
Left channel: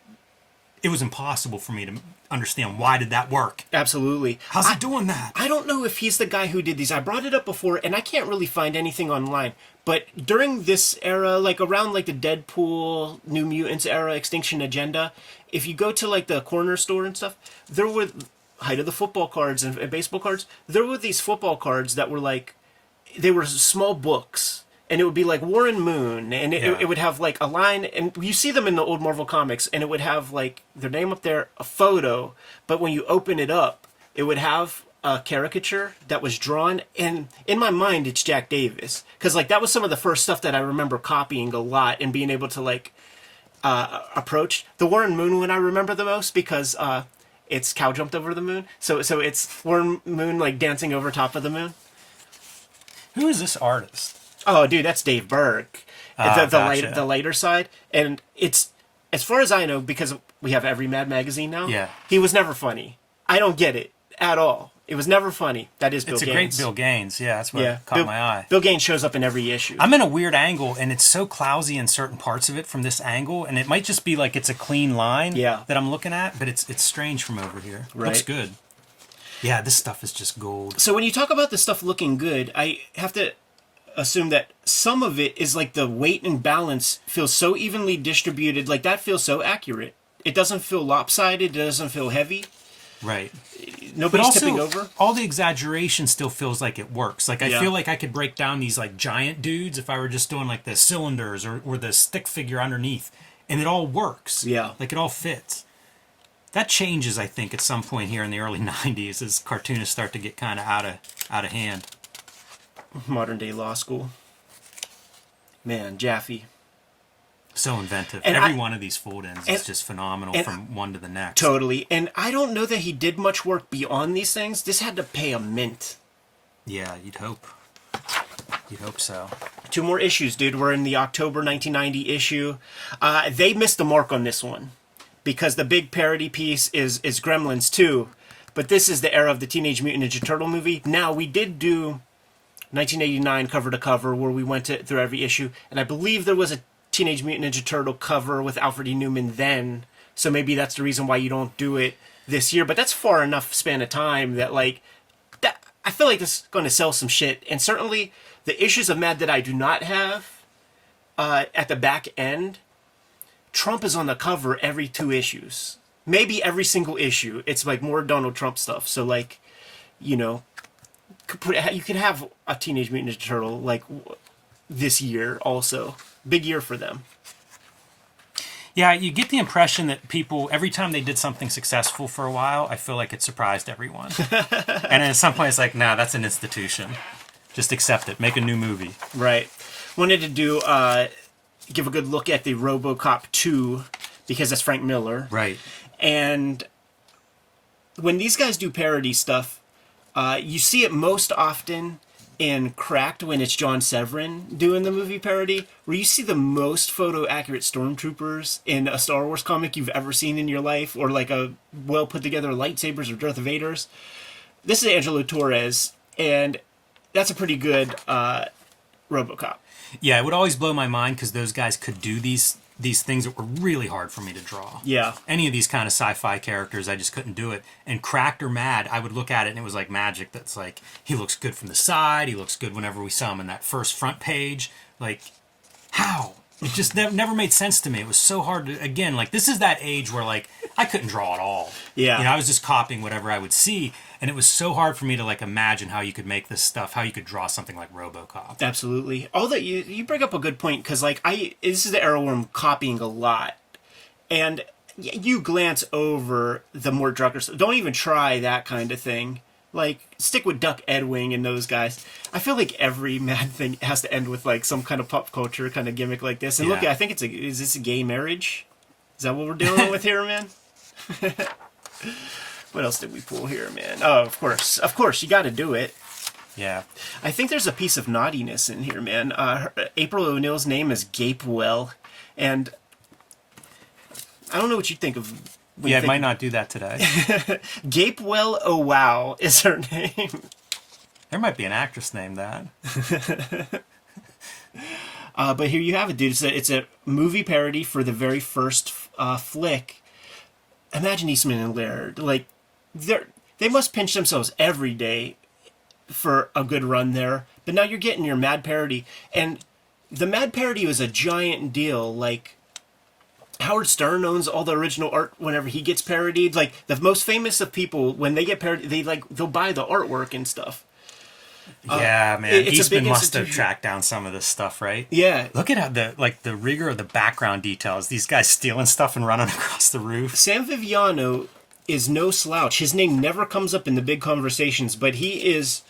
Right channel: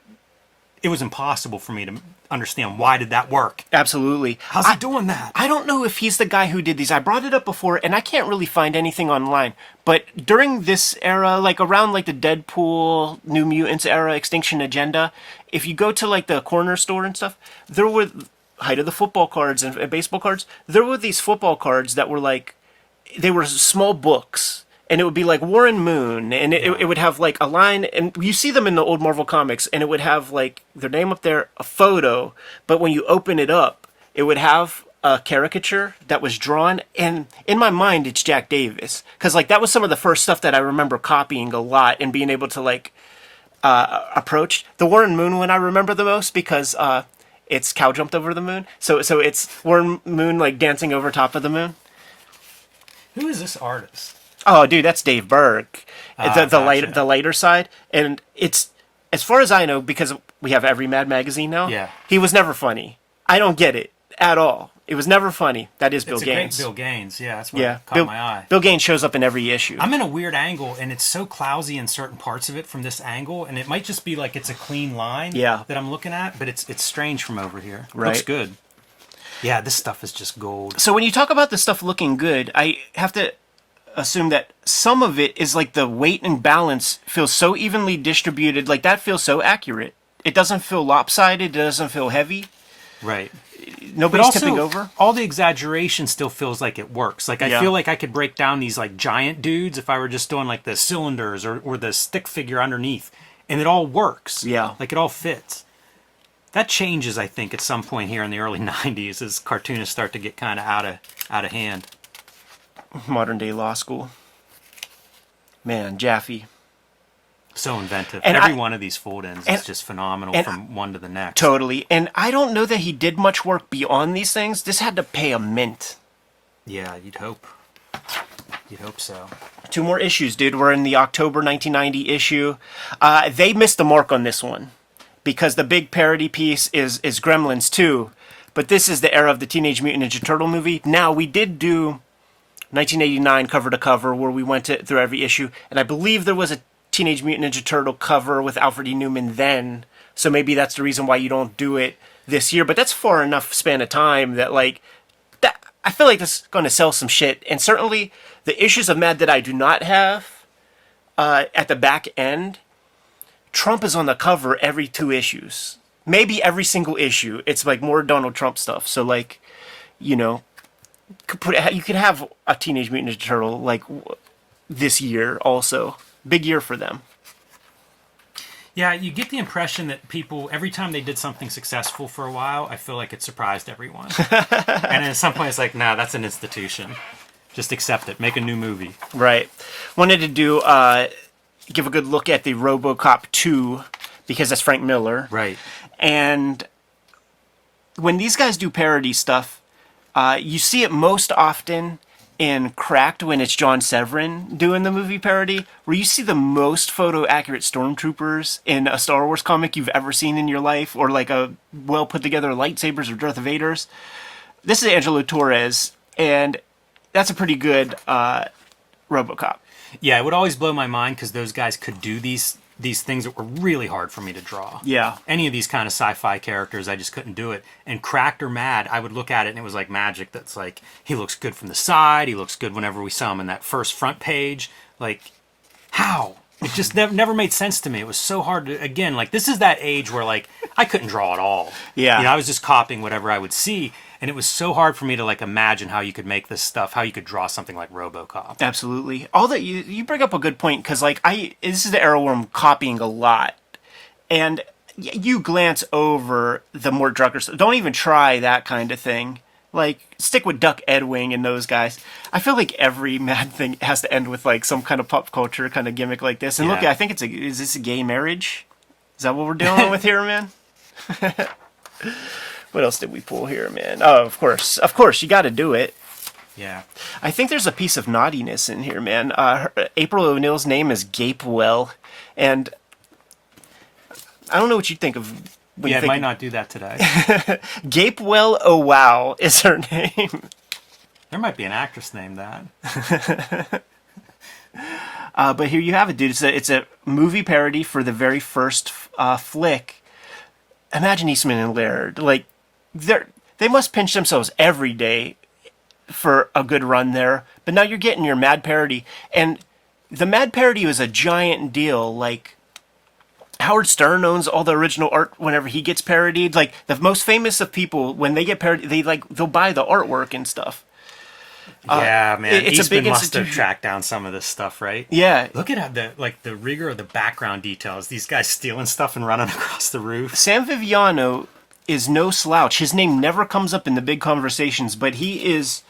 it was impossible for me to understand why did that work. Absolutely. How's he doing that? I don't know if he's the guy who did these. I brought it up before, and I can't really find anything online. But during this era, like around like the Deadpool, New Mutants era, Extinction Agenda, if you go to like the corner store and stuff, there were height of the football cards and baseball cards. There were these football cards that were like, they were small books. And it would be like Warren Moon, and it would have like a line, and you see them in the old Marvel comics, and it would have like their name up there, a photo, but when you open it up, it would have a caricature that was drawn, and in my mind, it's Jack Davis, because like that was some of the first stuff that I remember copying a lot and being able to like approach. The Warren Moon one I remember the most because it's cow jumped over the moon, so it's Warren Moon like dancing over top of the moon. Who is this artist? Oh, dude, that's Dave Berg. Gotcha. The lighter side. And it's, as far as I know, because we have Every Mad magazine now, Yeah. he was never funny. I don't get it at all. It was never funny. That is Bill It's a Gaines. great Bill Gaines. Yeah, that's what caught my eye. Bill Gaines shows up in every issue. I'm in a weird angle, and it's so clousy in certain parts of it from this angle, and it might just be like it's a clean line that I'm looking at, but it's strange from over here. Right. Looks good. Yeah, this stuff is just gold. So when you talk about the stuff looking good, I have to assume that some of it is like the weight and balance feels so evenly distributed. Like that feels so accurate. It doesn't feel lopsided. It doesn't feel heavy. Right. Nobody's tipping over. All the exaggeration still feels like it works. Like I feel like I could break down these like giant dudes if I were just doing like the cylinders or the stick figure underneath, and it all works. Yeah. Like it all fits. That changes, I think, at some point here in the early '90s as cartoonists start to get kind of out of hand. Modern day law school. Man, Jaffe. So inventive. And Every one of these fold-ins is just phenomenal from one to the next. Totally. And I don't know that he did much work beyond these things. This had to pay a mint. Yeah, you'd hope. You'd hope so. 2 more issues, dude. We're in the October 1990 issue. They missed the mark on this one because the big parody piece is Gremlins 2. But this is the era of the Teenage Mutant Ninja Turtle movie. Now, we did do 1989 cover to cover where we went through every issue, and I believe there was a Teenage Mutant Ninja Turtle cover with Alfred E. Newman then, so maybe that's the reason why you don't do it this year, but that's far enough span of time that like that I feel like this is going to sell some shit. And certainly the issues of Mad that I do not have at the back end, Trump is on the cover every 2 issues. Maybe every single issue. It's like more Donald Trump stuff. So like, you know, you could have a Teenage Mutant Ninja Turtle like this year also. Big year for them. Yeah, you get the impression that people, every time they did something successful for a while, I feel like it surprised everyone. And at some point it's like, nah, that's an institution. Just accept it. Make a new movie. Right. Wanted to do, give a good look at the RoboCop 2, because that's Frank Miller. Right. And when these guys do parody stuff, you see it most often in Cracked when it's John Severin doing the movie parody, where you see the most photo-accurate stormtroopers in a Star Wars comic you've ever seen in your life, or like a well-put-together lightsabers or Darth Vaders. This is Angelo Torres, and that's a pretty good RoboCop. Yeah, it would always blow my mind because those guys could do these things that were really hard for me to draw. Yeah. Any of these kind of sci-fi characters, I just couldn't do it. And Cracked or Mad, I would look at it and it was like magic. That's like, he looks good from the side. He looks good whenever we saw him in that first front page. Like, how? It just never made sense to me. It was so hard to, again, like, this is that age where, like, I couldn't draw at all. Yeah. You know, I was just copying whatever I would see. And it was so hard for me to, like, imagine how you could make this stuff, how you could draw something like RoboCop. Absolutely. All that you bring up a good point, because, like, this is the era where I'm copying a lot. And you glance over the more drunker stuff. Don't even try that kind of thing. Like, stick with Duck Edwing and those guys. I feel like every Mad thing has to end with, like, some kind of pop culture kind of gimmick like this. And Yeah. look, I think is this a gay marriage? Is that what we're dealing with here, man? What else did we pull here, man? Oh, of course, you got to do it. Yeah. I think there's a piece of naughtiness in here, man. April O'Neil's name is Gapewell, and I don't know what you think of. Yeah, it might not do that today. Gapewell Oh Wow is her name. There might be an actress named that. But here you have it, dude. It's a movie parody for the very first flick. Imagine Eastman and Laird. Like, they must pinch themselves every day for a good run there. But now you're getting your Mad parody. And the Mad parody was a giant deal. Like, Howard Stern owns all the original art whenever he gets parodied. Like, the most famous of people, when they get parodied, they'll buy the artwork and stuff. Yeah, man. it's a Eastman big must have institution. tracked down some of this stuff, right? Yeah. Look at how the rigor of the background details. These guys stealing stuff and running across the roof. Sam Viviano is no slouch. His name never comes up in the big conversations, but he is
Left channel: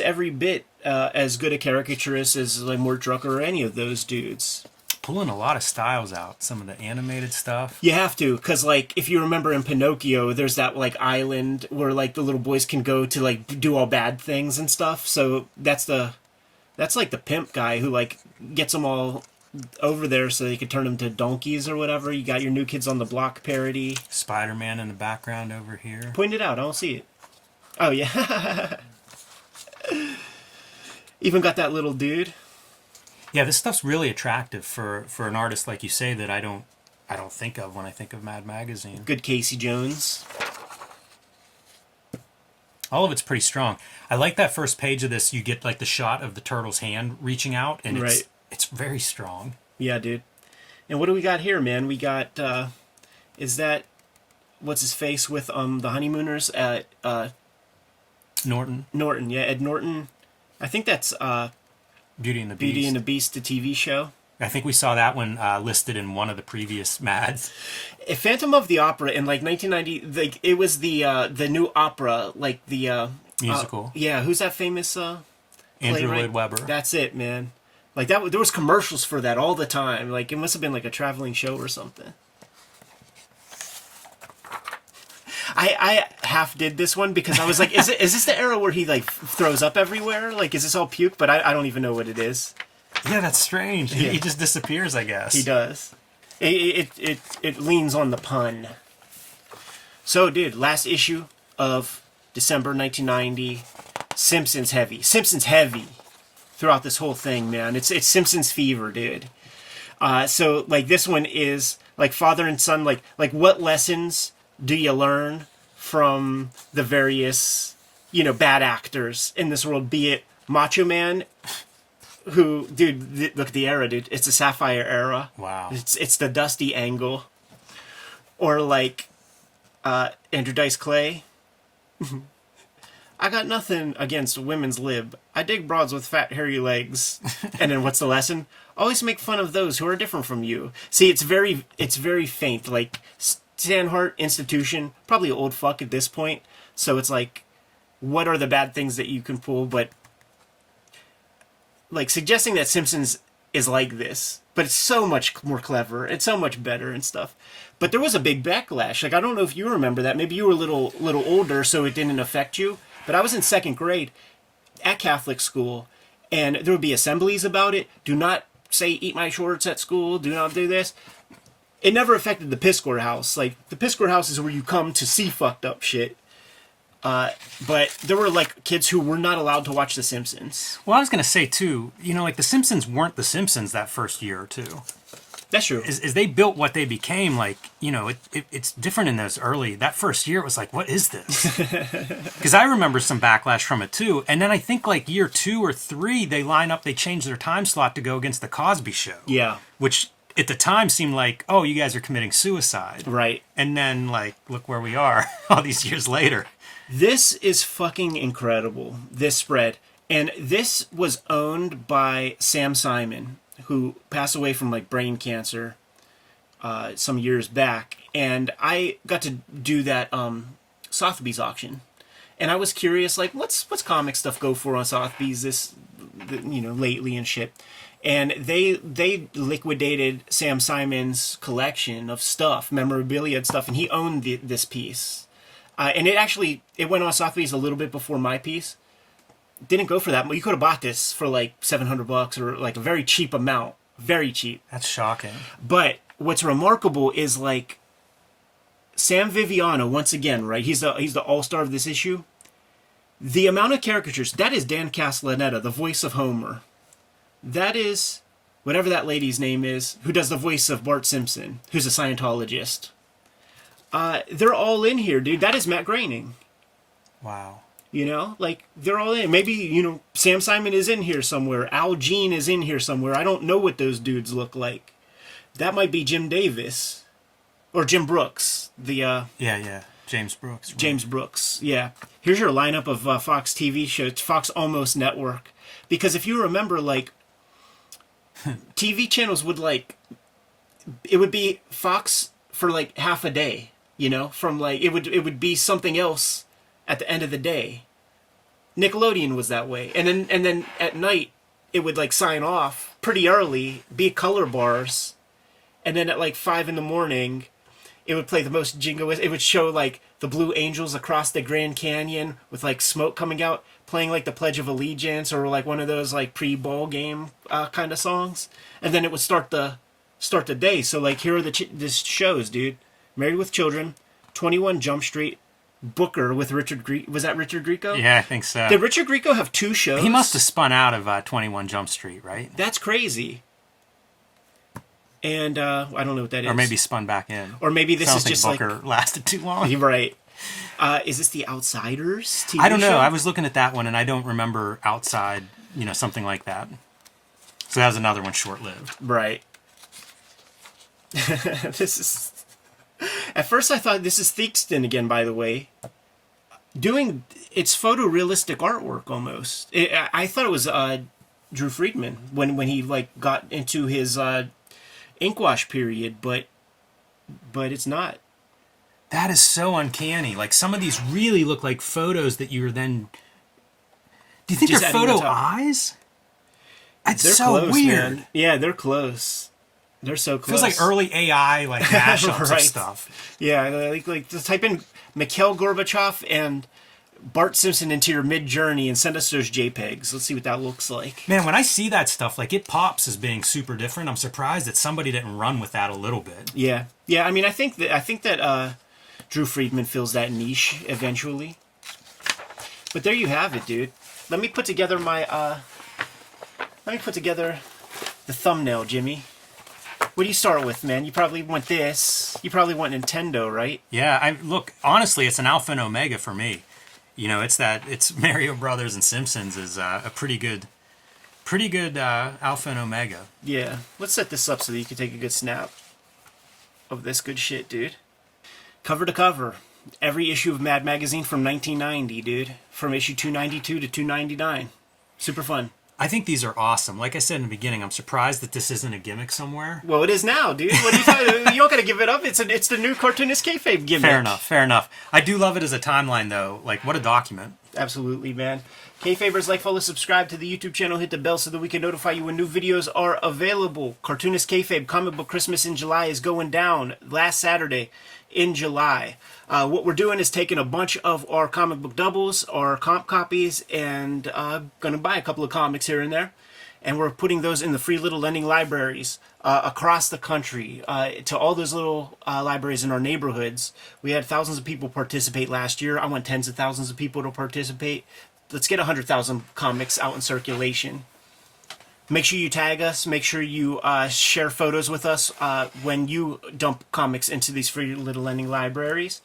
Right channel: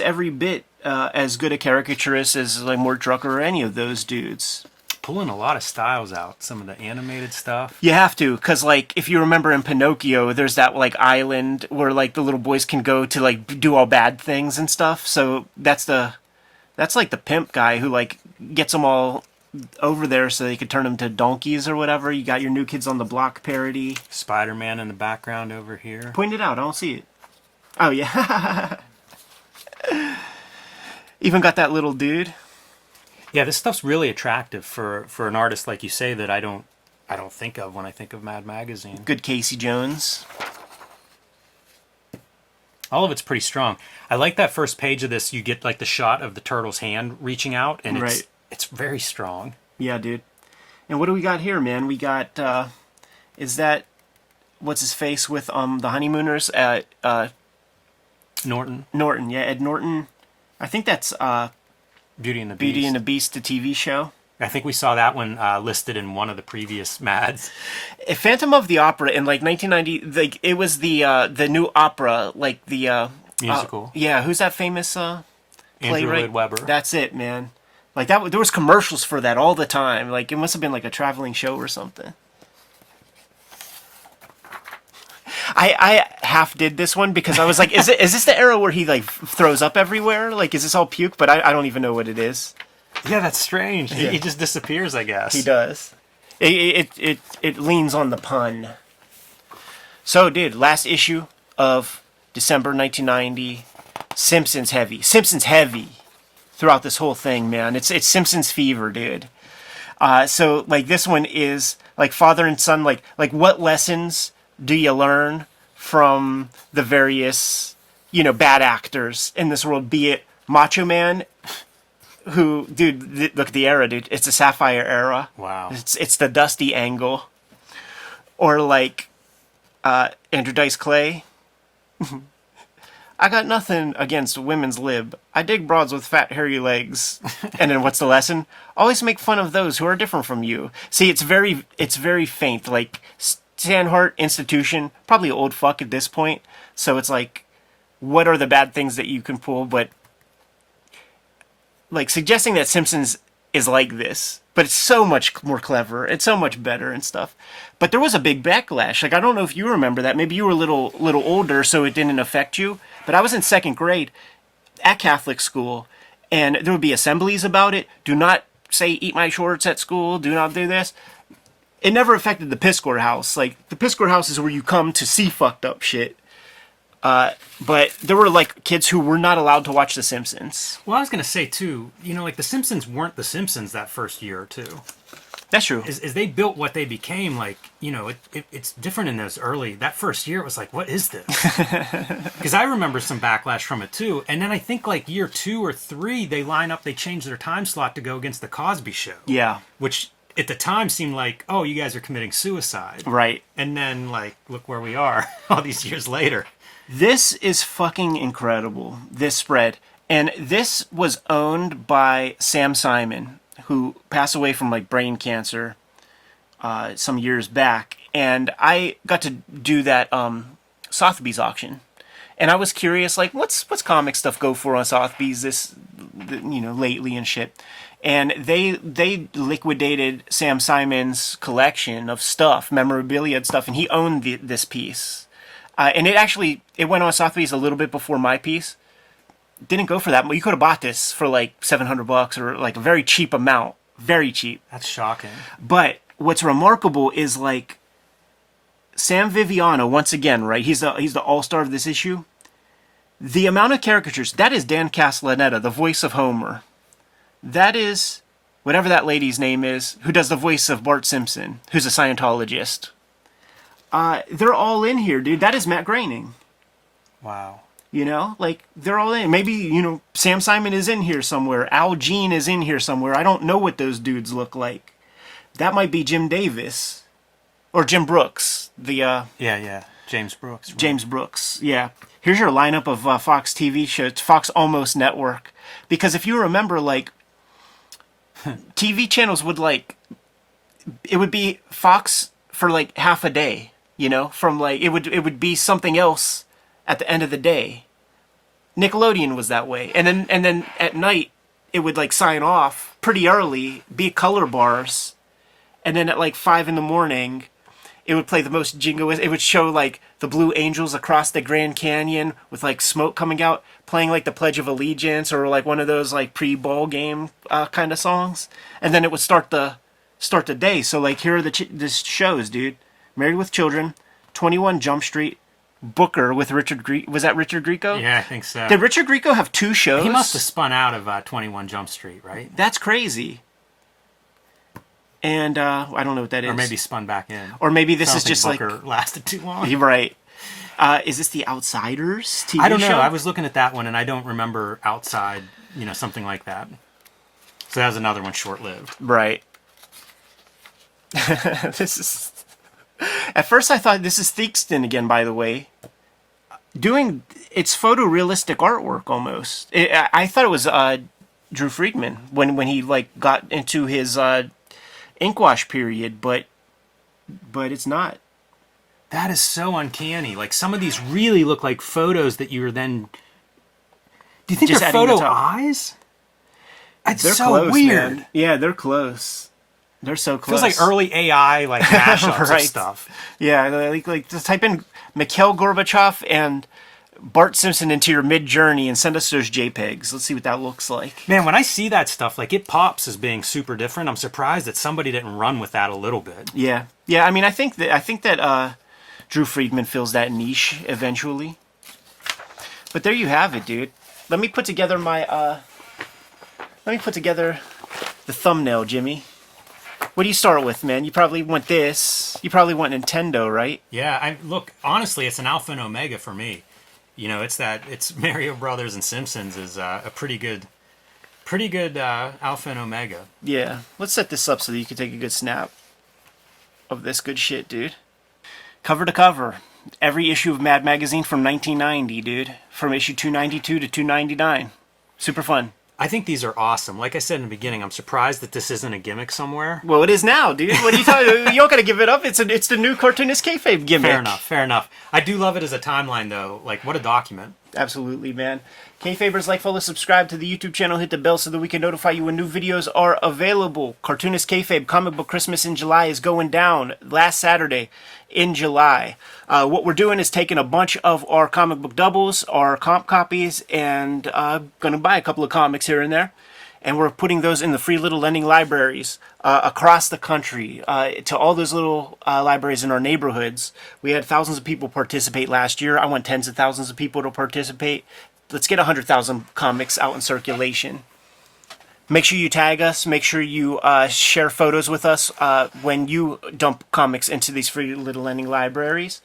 every bit as good a caricaturist as like Mort Drucker or any of those dudes. Pulling a lot of styles out. Some of the animated stuff. You have to, because like if you remember in Pinocchio, there's that like island where like the little boys can go to like do all bad things and stuff. So that's like the pimp guy who like gets them all over there so they could turn them to donkeys or whatever. You got your New Kids on the Block parody. Spider-Man in the background over here. Point it out. I don't see it. Oh yeah. Even got that little dude. Yeah, this stuff's really attractive for an artist like you say that I don't think of when I think of Mad Magazine. Good Casey Jones. All of it's pretty strong. I like that first page of this. You get like the shot of the turtle's hand reaching out, and it's very strong. Yeah, dude. And what do we got here, man? We got is that what's his face with the Honeymooners? Norton. Norton, yeah, Ed Norton. I think that's Beauty and the Beast. Beauty and the Beast, the TV show. I think we saw that one listed in one of the previous Mads. Phantom of the Opera in like 1990. Like it was the new opera, like the Musical. Yeah, who's that famous? Andrew playwright? Lloyd Webber. That's it, man. Like that, there was commercials for that all the time. Like it must have been like a traveling show or something. I half did this one because I was like, is this the era where he like throws up everywhere? Like, is this all puke? But I don't even know what it is. Yeah, that's strange. Yeah. He just disappears, I guess. He does. It leans on the pun. So, dude, last issue of December 1990. Simpsons heavy. Simpsons heavy throughout this whole thing, man. It's Simpsons fever, dude. So, like, this one is like father and son. Like what lessons do you learn from the various bad actors in this world, be it Macho Man, who, dude, look at the era, dude. It's the Sapphire era. Wow. It's the Dusty Angle. Or like Andrew Dice Clay. I got nothing against women's lib. I dig broads with fat, hairy legs. And then what's the lesson? Always make fun of those who are different from you. See, it's very faint. Like, Sandhart, Institution, probably old fuck at this point. So it's like, what are the bad things that you can pull? But, like, suggesting that Simpsons is like this, but it's so much more clever. It's so much better and stuff. But there was a big backlash. Like, I don't know if you remember that. Maybe you were a little older, so it didn't affect you. But I was in second grade at Catholic school, and there would be assemblies about it. Do not say, eat my shorts at school. Do not do this. It never affected the piss score house. Like, the piss score house is where you come to see fucked up shit. But there were, like, kids who were not allowed to watch The Simpsons. Well, I was going to say, too, like, The Simpsons weren't The Simpsons that first year or two. That's true. As they built what they became, like, it's different in those early. That first year, it was like, what is this? Because I remember some backlash from it, too. And then I think, like, year 2 or 3, they changed their time slot to go against The Cosby Show. Yeah. Which, at the time, seemed like, oh, you guys are committing suicide. Right. And then, like, look where we are all these years later. This is fucking incredible, this spread. And this was owned by Sam Simon, who passed away from, like, brain cancer some years back. And I got to do that Sotheby's auction. And I was curious, like, what's comic stuff go for on Sotheby's lately and shit. And they liquidated Sam Simon's collection of stuff, memorabilia and stuff, and he owned this piece. And it went on Sotheby's a little bit before my piece. Didn't go for that. You could have bought this for like $700 or like a very cheap amount. Very cheap. That's shocking. But what's remarkable is, like, Sam Viviano, once again, right? He's the all-star of this issue. The amount of caricatures, that is Dan Castellaneta, the voice of Homer. That is whatever that lady's name is, who does the voice of Bart Simpson, who's a Scientologist. They're all in here, dude. That is Matt Groening. Wow. Like, they're all in. Maybe, Sam Simon is in here somewhere. Al Jean is in here somewhere. I don't know what those dudes look like. That might be Jim Davis. Or Jim Brooks. Yeah. James Brooks. Right. James Brooks, yeah. Here's your lineup of Fox TV shows. Fox Almost Network. Because if you remember, like, TV channels would, like, it would be Fox for, like, half a day. From, like, it would be something else at the end of the day. Nickelodeon was that way. And then at night, it would, like, sign off pretty early, be color bars. And then at, like, 5 a.m, it would play the most jingoist. It would show, like, the Blue Angels across the Grand Canyon with, like, smoke coming out, playing, like, the Pledge of Allegiance or, like, one of those, like, pre-ball game kind of songs. And then it would start the day. So, like, here are the shows, dude. Married with Children, 21 Jump Street, Booker with Richard Grieco. Was that Richard Grieco? Yeah, I think so. Did Richard Grieco have 2 shows? He must have spun out of 21 Jump Street, right? That's crazy. And I don't know what that is. Or maybe spun back in. Or maybe this is just like... Booker lasted too long. You're right. Is this The Outsiders TV I don't know. show? I was looking at that one, and I don't remember Outside, something like that. So that was another one short-lived. Right. This is... At first I thought this is Theakston again, by the way. It's photorealistic artwork almost. I thought it was Drew Friedman when he, like, got into his inkwash period, but it's not. That is so uncanny. Like, some of these really look like photos that you were then... Do you think Just they're adding photo the top. eyes? It's They're so close, weird. man. Yeah, they're close. They're so close. Feels like early AI, like, mashups of Right. stuff. Yeah, like just type in Mikhail Gorbachev and Bart Simpson into your Mid-Journey and send us those JPEGs. Let's see what that looks like. Man, when I see that stuff, like, it pops as being super different. I'm surprised that somebody didn't run with that a little bit. Yeah. I mean, I think that Drew Friedman fills that niche eventually. But there you have it, dude. Let me put together the thumbnail, Jimmy. What do you start with, man? You probably want this. You probably want Nintendo, right? Yeah, look, honestly, it's an alpha and omega for me. You know, it's Mario Brothers and Simpsons is a pretty good alpha and omega. Yeah. Let's set this up so that you can take a good snap of this good shit, dude. Cover to cover. Every issue of Mad Magazine from 1990, dude. From issue 292 to 299. Super fun. I think these are awesome. Like I said in the beginning, I'm surprised that this isn't a gimmick somewhere. Well, it is now, dude. What are you talking about? You don't gotta give it up. It's the new Cartoonist Kayfabe gimmick. Fair enough. I do love it as a timeline, though. Like, what a document. Absolutely, man. Kayfabers, like, follow, subscribe to the YouTube channel, hit the bell so that we can notify you when new videos are available. Cartoonist Kayfabe Comic Book Christmas in July is going down last Saturday in July. What we're doing is taking a bunch of our comic book doubles, our comp copies, and gonna buy a couple of comics here and there. And we're putting those in the free little lending libraries across the country to all those little libraries in our neighborhoods. We had thousands of people participate last year. I want tens of thousands of people to participate. Let's get 100,000 comics out in circulation. Make sure you tag us. Make sure you share photos with us when you dump comics into these free little lending libraries.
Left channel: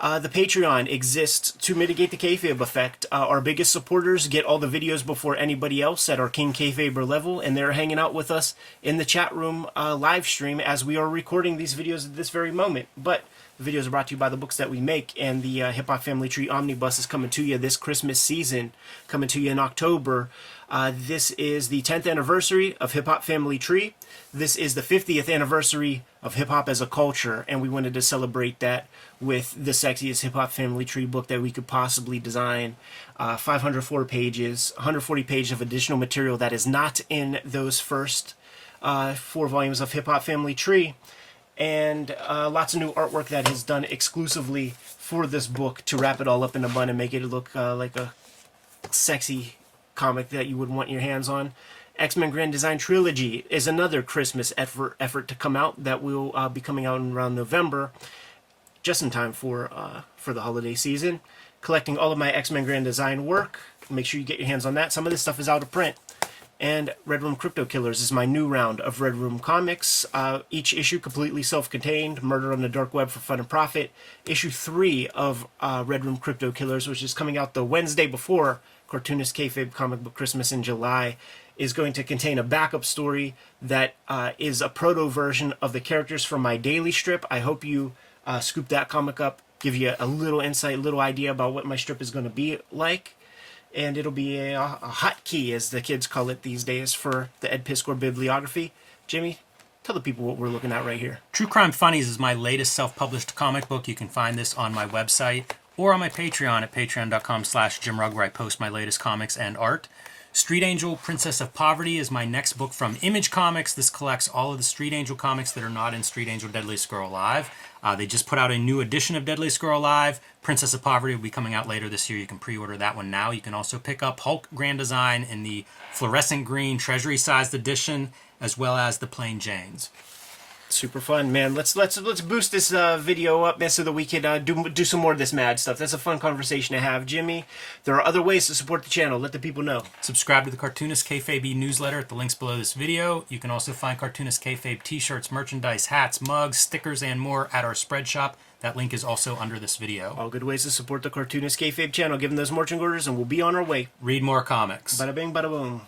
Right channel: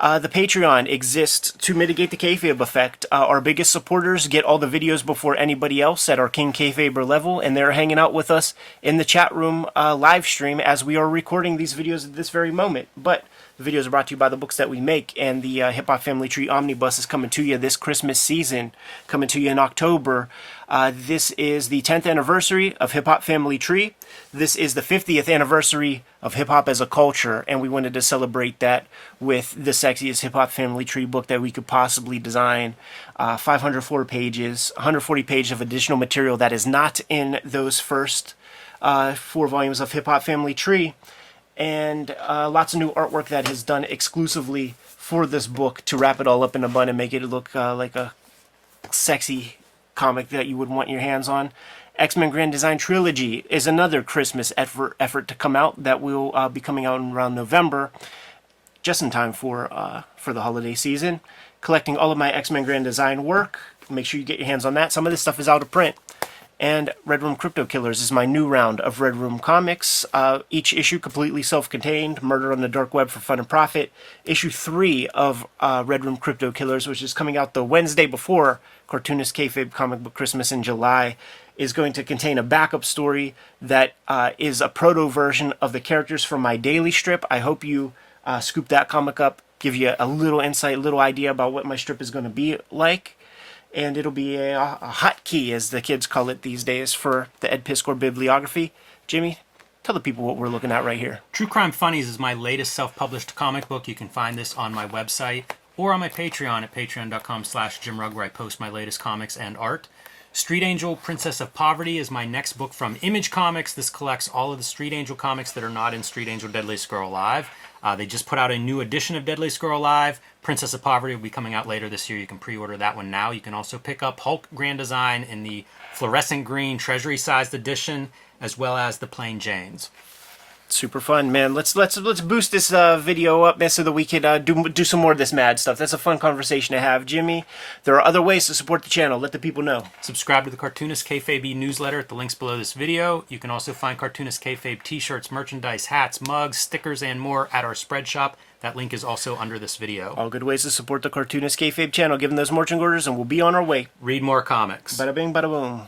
The Patreon exists to mitigate the kayfabe effect. Our biggest supporters get all the videos before anybody else at our King Kayfaber level, and they're hanging out with us in the chat room live stream as we are recording these videos at this very moment. But the videos are brought to you by the books that we make, and the Hip Hop Family Tree Omnibus is coming to you this Christmas season, coming to you in October. This is the 10th anniversary of Hip Hop Family Tree. This is the 50th anniversary of hip hop as a culture, and we wanted to celebrate that with the sexiest Hip Hop Family Tree book that we could possibly design. 504 pages, 140 pages of additional material that is not in those first 4 volumes of Hip Hop Family Tree, and lots of new artwork that is done exclusively for this book to wrap it all up in a bun and make it look like a sexy comic that you would want your hands on. X-Men Grand Design Trilogy is another Christmas effort to come out that will be coming out in around November, just in time for the holiday season. Collecting all of my X-Men Grand Design work. Make sure you get your hands on that. Some of this stuff is out of print. And Red Room Crypto Killers is my new round of Red Room comics. Each issue completely self-contained. Murder on the Dark Web for Fun and Profit. Issue 3 of Red Room Crypto Killers, which is coming out the Wednesday before Cartoonist Kayfabe Comic Book Christmas in July, is going to contain a backup story that is a proto version of the characters from my daily strip. I hope you scoop that comic up, give you a little insight, a little idea about what my strip is going to be like. And it'll be a hot key, as the kids call it these days, for the Ed Piscor bibliography. Jimmy, tell the people what we're looking at right here. True Crime Funnies is my latest self-published comic book. You can find this on my website or on my Patreon at patreon.com/JimRugg, where I post my latest comics and art. Street Angel, Princess of Poverty is my next book from Image Comics. This collects all of the Street Angel comics that are not in Street Angel Deadliest Girl Alive. They just put out a new edition of Deadliest Girl Alive. Princess of Poverty will be coming out later this year. You can pre-order that one now. You can also pick up Hulk Grand Design in the fluorescent green treasury-sized edition, as well as the Plain Janes. Super fun, man. Let's boost this video up, man, so that we can do some more of this mad stuff. That's a fun conversation to have, Jimmy. There are other ways to support the channel. Let the people know. Subscribe to the Cartoonist Kayfabe newsletter at the links below this video. You can also find Cartoonist Kayfabe t-shirts, merchandise, hats, mugs, stickers, and more at our spread shop. That link is also under this video. All good ways to support the Cartoonist Kayfabe channel. Give them those marching orders, and we'll be on our way. Read more comics. Bada bing, bada boom.